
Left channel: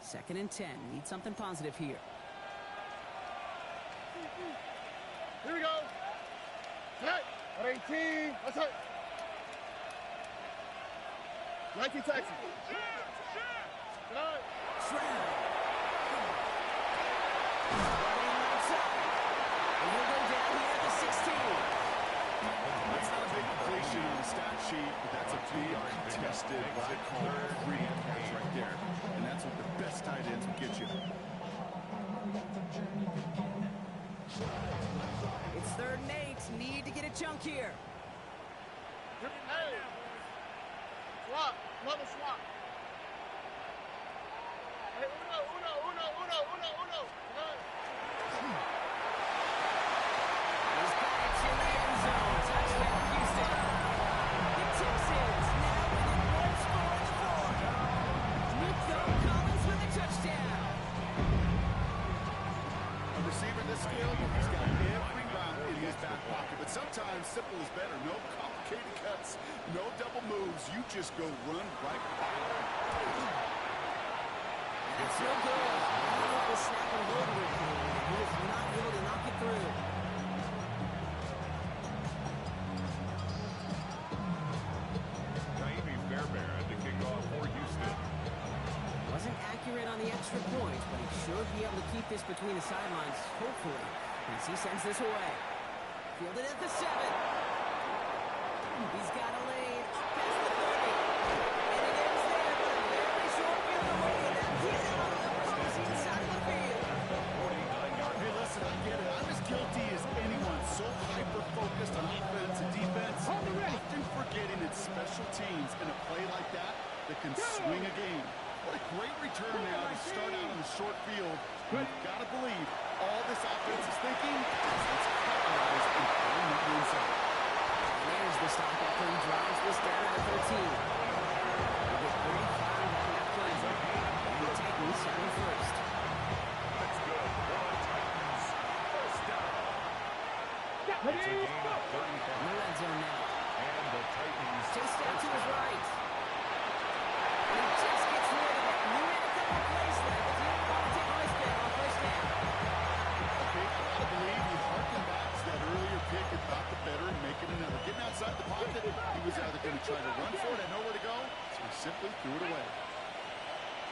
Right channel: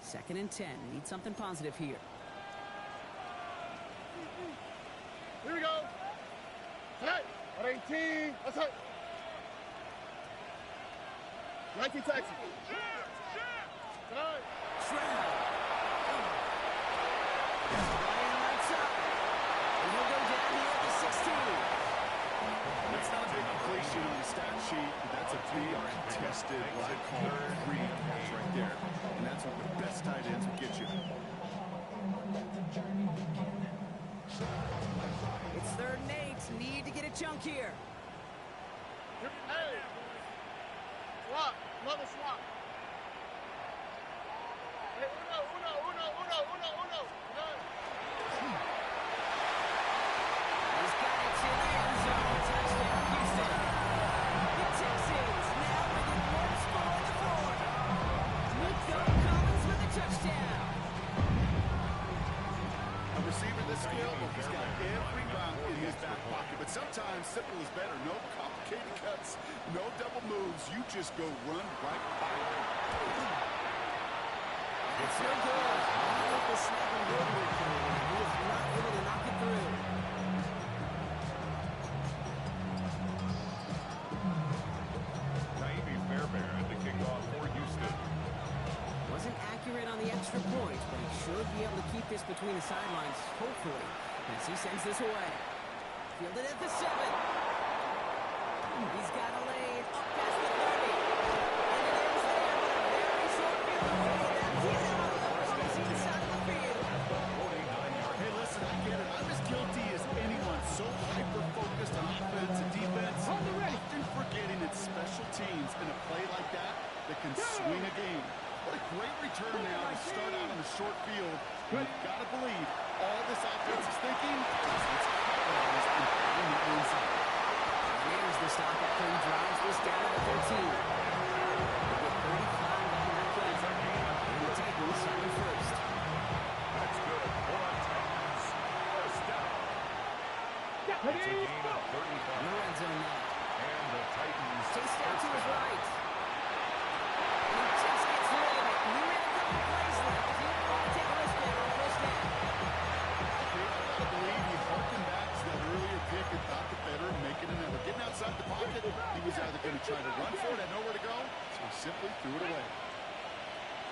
Second and 10. Need something positive here. Here we go. Tonight, 118, that's it. 19 Texas. Tonight. Stroud. Running right side. And he'll go down here at the 16. That's not a big completion on the stat sheet, but that's a big contested, what I call green catch right there. And that's what the best tight ends will get you. It's 3rd and 8. Need to get a chunk here. Hey. Swap. Another swap. Hey, uno. He's got it in the end zone. Touchdown, Houston. The Texans now within 1 score in the 4th. Nico Collins with a touchdown. A receiver this skilled, well, he's got every route in his back pocket. But sometimes simple is better. No complicated cuts, no double moves. You just go run right by him. That's no good. The snap and roadwork came, and he is not able to knock it through. Fairbairn to kick off for Houston. Wasn't accurate on the extra point, but he should be able to keep this between the sidelines, hopefully, as he sends this away. Fielded at the 7. He's got a lane up past the 30. And it ends there, but a very short field away. That he's on the opposing side of the field. 49 get it. I'm as guilty as anyone. So hyper-focused on offense and defense. Often forgetting it's special teams in a play like that can swing a game. What a great return now to start out on the short field. You've got to believe all this offense is thinking is let's capitalize and pull them up inside. There's the stop after he drives this down to the 13. They get 35 out of that play. And the Titans starting first. That's good. One Titans. First down. It's a gain of 35. In the red zone now. And the Titans. Chased out to his right. And he just gets rid of it. We ran a couple plays left. He didn't want to take a risk there on first down. Okay, I gotta believe he harkened back to that earlier pick and thought the better and making another. Getting outside the pocket, he was either going to try to run for it, had nowhere to go, so he simply threw it away.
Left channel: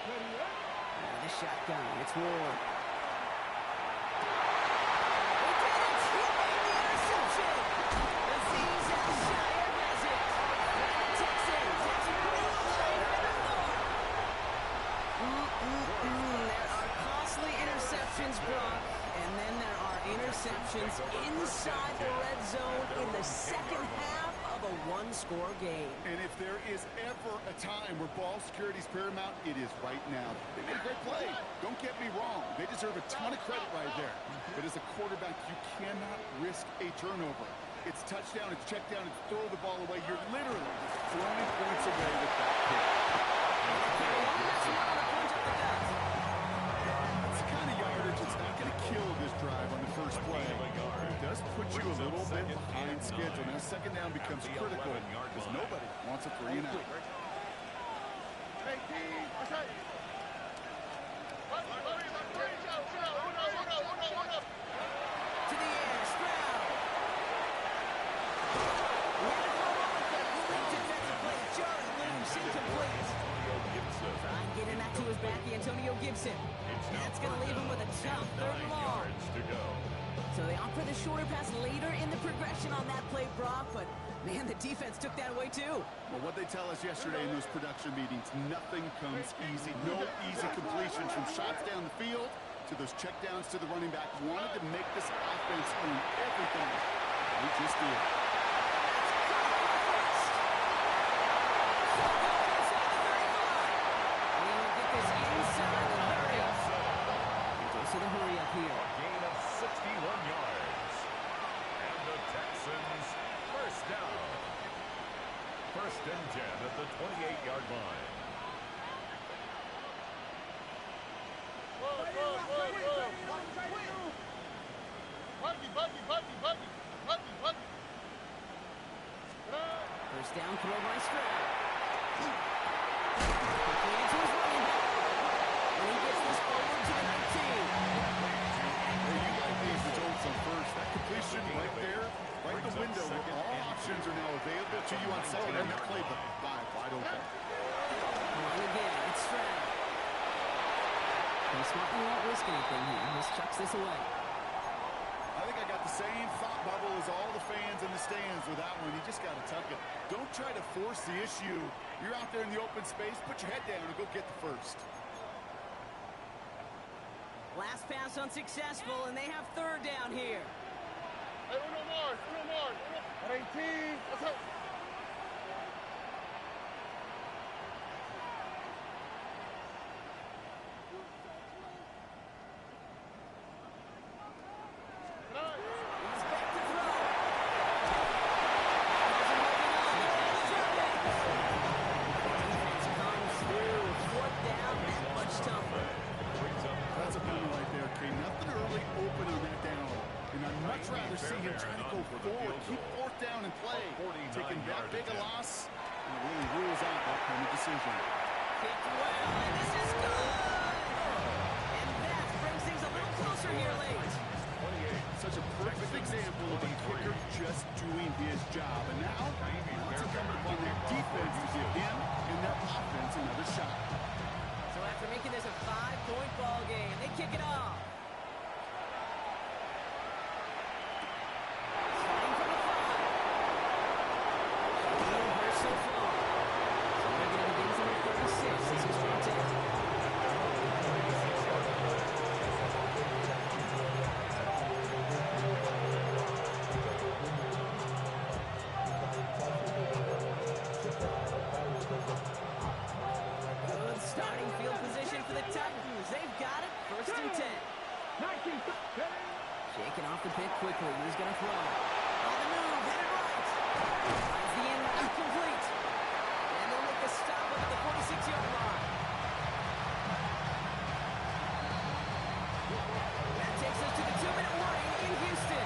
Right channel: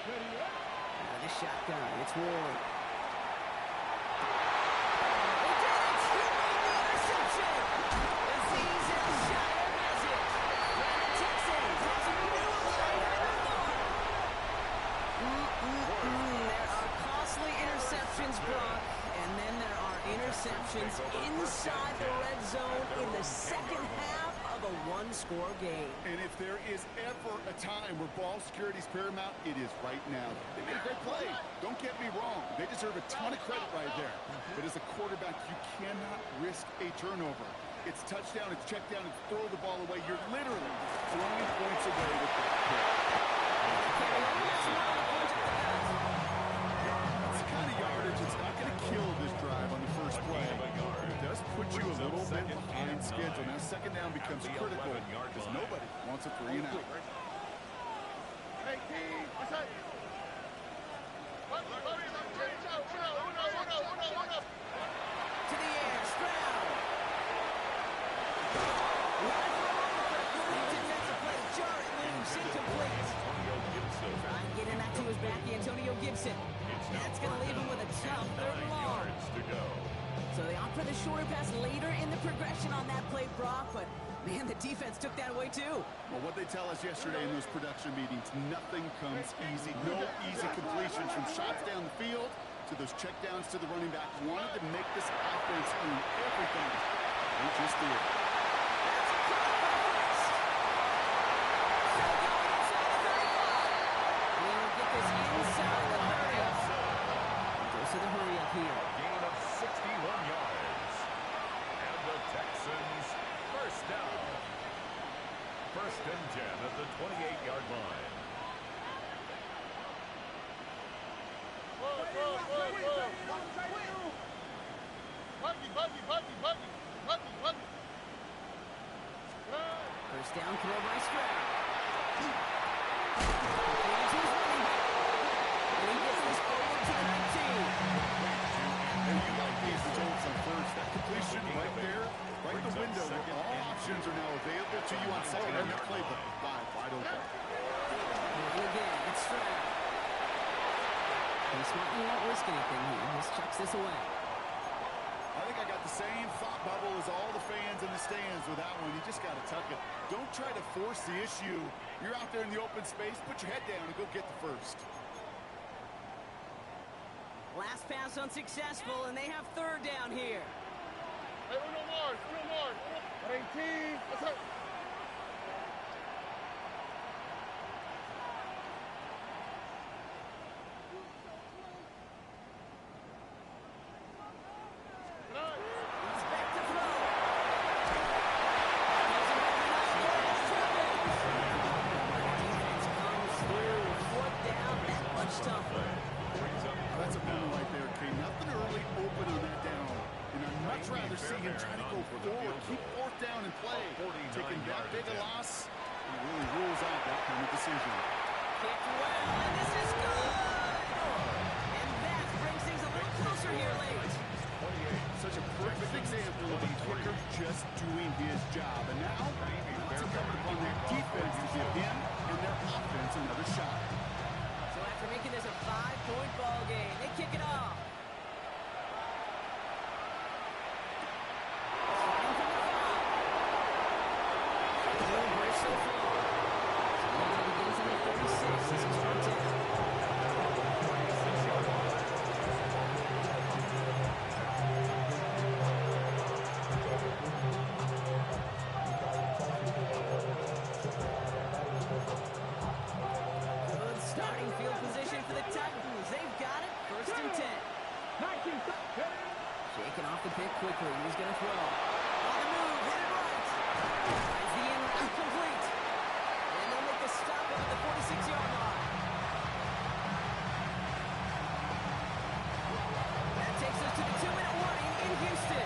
Out of the shotgun, it's Ward. He did it! He made the interception! Aziz Al-Shire has it! And the Texans have a new leader in the north! There are costly interceptions, Brock, and then there are interceptions inside the red zone in the second half of a one-score game. And if there is ever a time where ball security is paramount, it is right now. They made a great play. Don't get me wrong. They deserve a ton of credit right there. But as a quarterback, you cannot risk a turnover. It's touchdown, it's check down, it's throw the ball away. You're literally throwing points away with that pick. Carry on, that's one on the punch up the gut. That's the kind of yardage that's not going to kill this drive on the first play. It does put you a little bit behind schedule. Now second down becomes critical because nobody wants a 3 and out. To the air, Stroud. He had it for a moment, but a great defensive play to jar it loose, incomplete. Try and get him back to his back, Antonio Gibson. That's going to leave him with a tough 3rd and long. So they opt for the shorter pass later in the progression on that play, Brock, but man, the defense took that away too. Well, what they tell us yesterday in those production meetings, nothing comes easy. No easy completions from shots down the field to those checkdowns to the running back. Wanted to make this offense earn everything. They just did. That's caught for the first. Still going inside the 35. We will get this inside the 30. Goes to the hurry up here. A gain of 61 yards. And the Texans first down. 1st and 10 at the 28-yard line. First down throw by Stroud. Completed to his running back. And he gets this forward to the 19. Hey, you like these results on first. That completion right there, right in the window where all options are now available to you on second and that playbook. Wide open. And again, it's Stroud. He smartly won't risk anything here. Just chucks this away. I think I got the same thought bubble as all the fans in the stands with that one. You just got to tuck it. Don't try to force the issue. You're out there in the open space. Put your head down and go get the first. Last pass unsuccessful, and they have 3rd down here. Hey, uno more. 18. Let's go. He's back to throw. Doesn't hold it up. Defense comes through. 4th down, that much tougher. That's a bummer right there, Kane. Nothing early open on that down. And I'd much rather see him try to go forward, keep 4th down and play. Taking that big a loss, he really rules out that kind of decision. Kicked well, and this is good. And that brings things a little closer here late. Such a perfect example of a kicker just doing his job. And now, it's incumbent upon their defense to give him and their offense another shot. So after making this a 5-point ball game, they kick it off. Starting from the 5. So burst so far. So they're going to begin from the 36 as he's brought down. Taking off the pick quickly. He's going to throw. On the move, headed right. Finds the in route complete. And they'll make the stop up at the 46-yard line. That takes us to the 2-minute warning in Houston.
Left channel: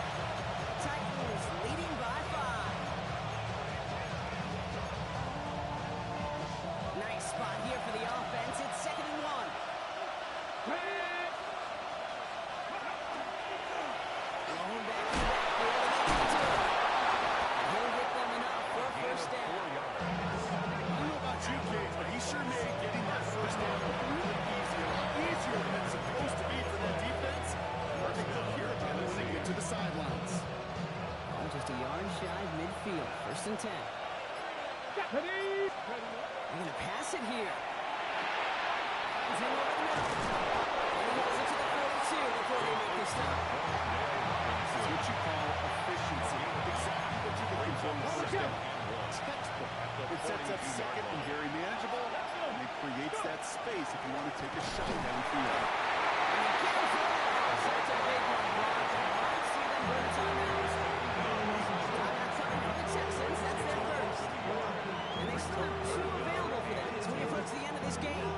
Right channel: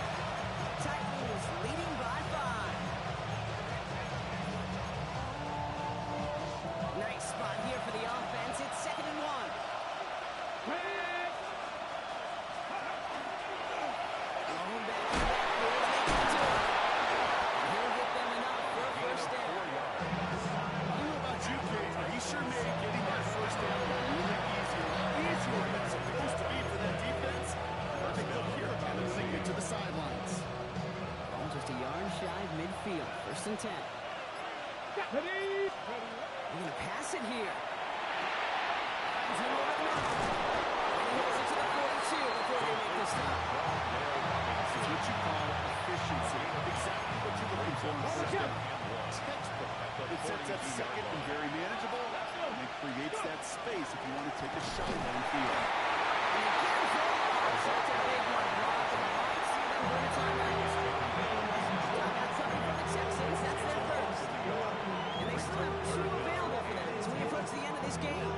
Titans leading by 5. Nice spot here for the offense. It's 2nd and 1. Going back to the backfield and they get to it. And he'll get them enough for a first down. I don't know about you, Kate, but he sure made getting that first down really easy. A lot easier than it's supposed to be for that defense. Perfect look here about it when they get to the sidelines. Ball just a yard shy of midfield. 1st and 10. They're going to pass it here. Finds him over the middle. And he hits it to the 42 before they make the stop. This is what you call efficiency. Exactly what you're looking for in first down. Textbook. It sets up 2nd and very manageable, and it creates that space if you want to take a shot downfield. And he can't throw it. So it's a big one, Brock. And I might see them burn a timeout. Timeout coming from the Texans. That's their first. And they still have 2 available for them as we approach the end of this game.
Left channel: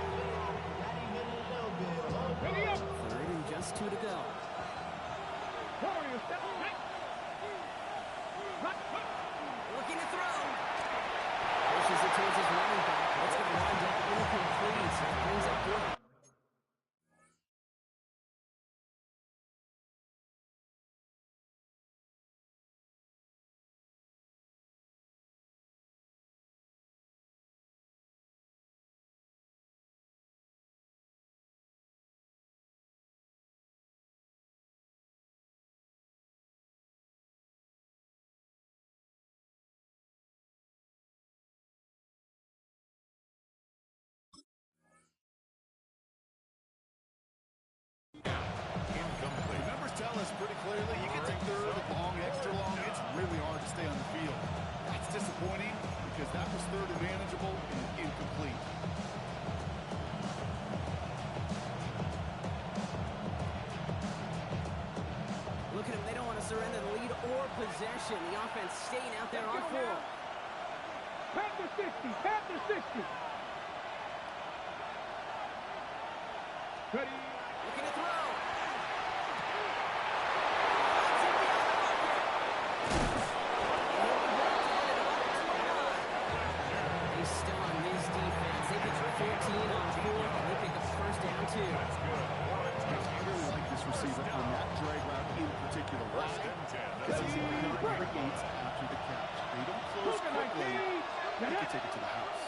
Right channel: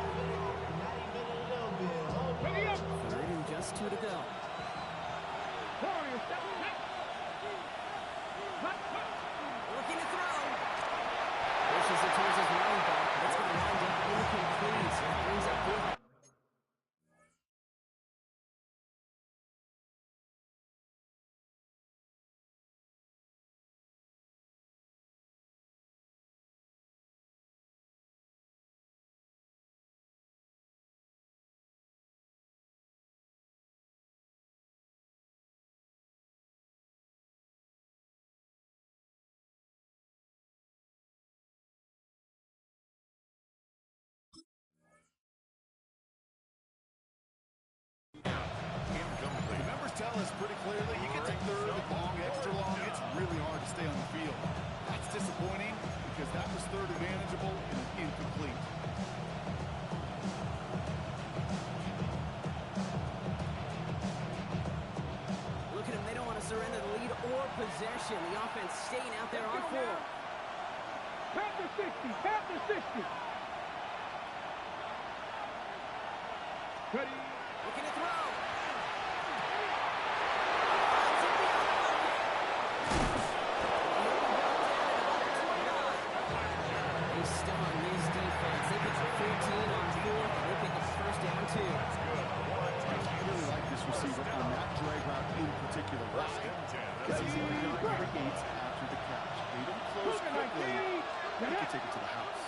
3rd and just 2 to go. Looking to throw. Pushes it towards his running back, but it's going to wind up incomplete. So it brings up 4th. The numbers tell us pretty clearly, you get to 3rd and long, extra long, it's really hard to stay on the field. That's disappointing because that was 3rd and manageable and incomplete. Look at them, they don't want to surrender the lead or possession. The offense staying out there on 4. Panther 60, Panther 60. Ready. Looking to throw. Finds him beyond the marker. He'll be brought down at about the 29. They stun this defense. They pick 14 on 4th, and they pick up first down 2. I really like this receiver on that drag route in particular. Why? Because he's a leader that creates after the catch. They don't close quickly. They can take it to the house.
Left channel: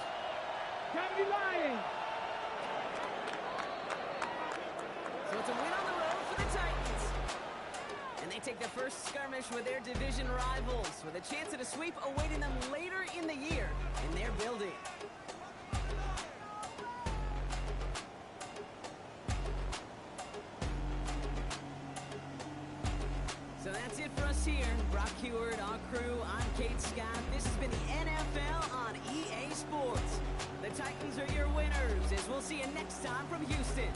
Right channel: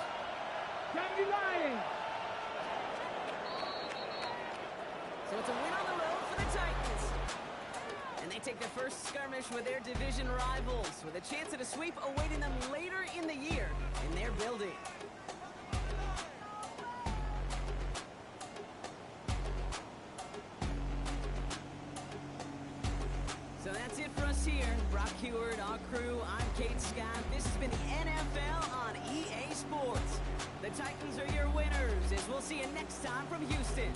Kennedy Lions. So it's a win on the road for the Titans. And they take the first skirmish with their division rivals, with a chance at a sweep awaiting them later in the year in their building. So that's it for us here. Brock Heward, our crew, I'm Kate Scott. This has been the NFL on EA Sports. The Titans are your winners, as we'll see you next time from Houston.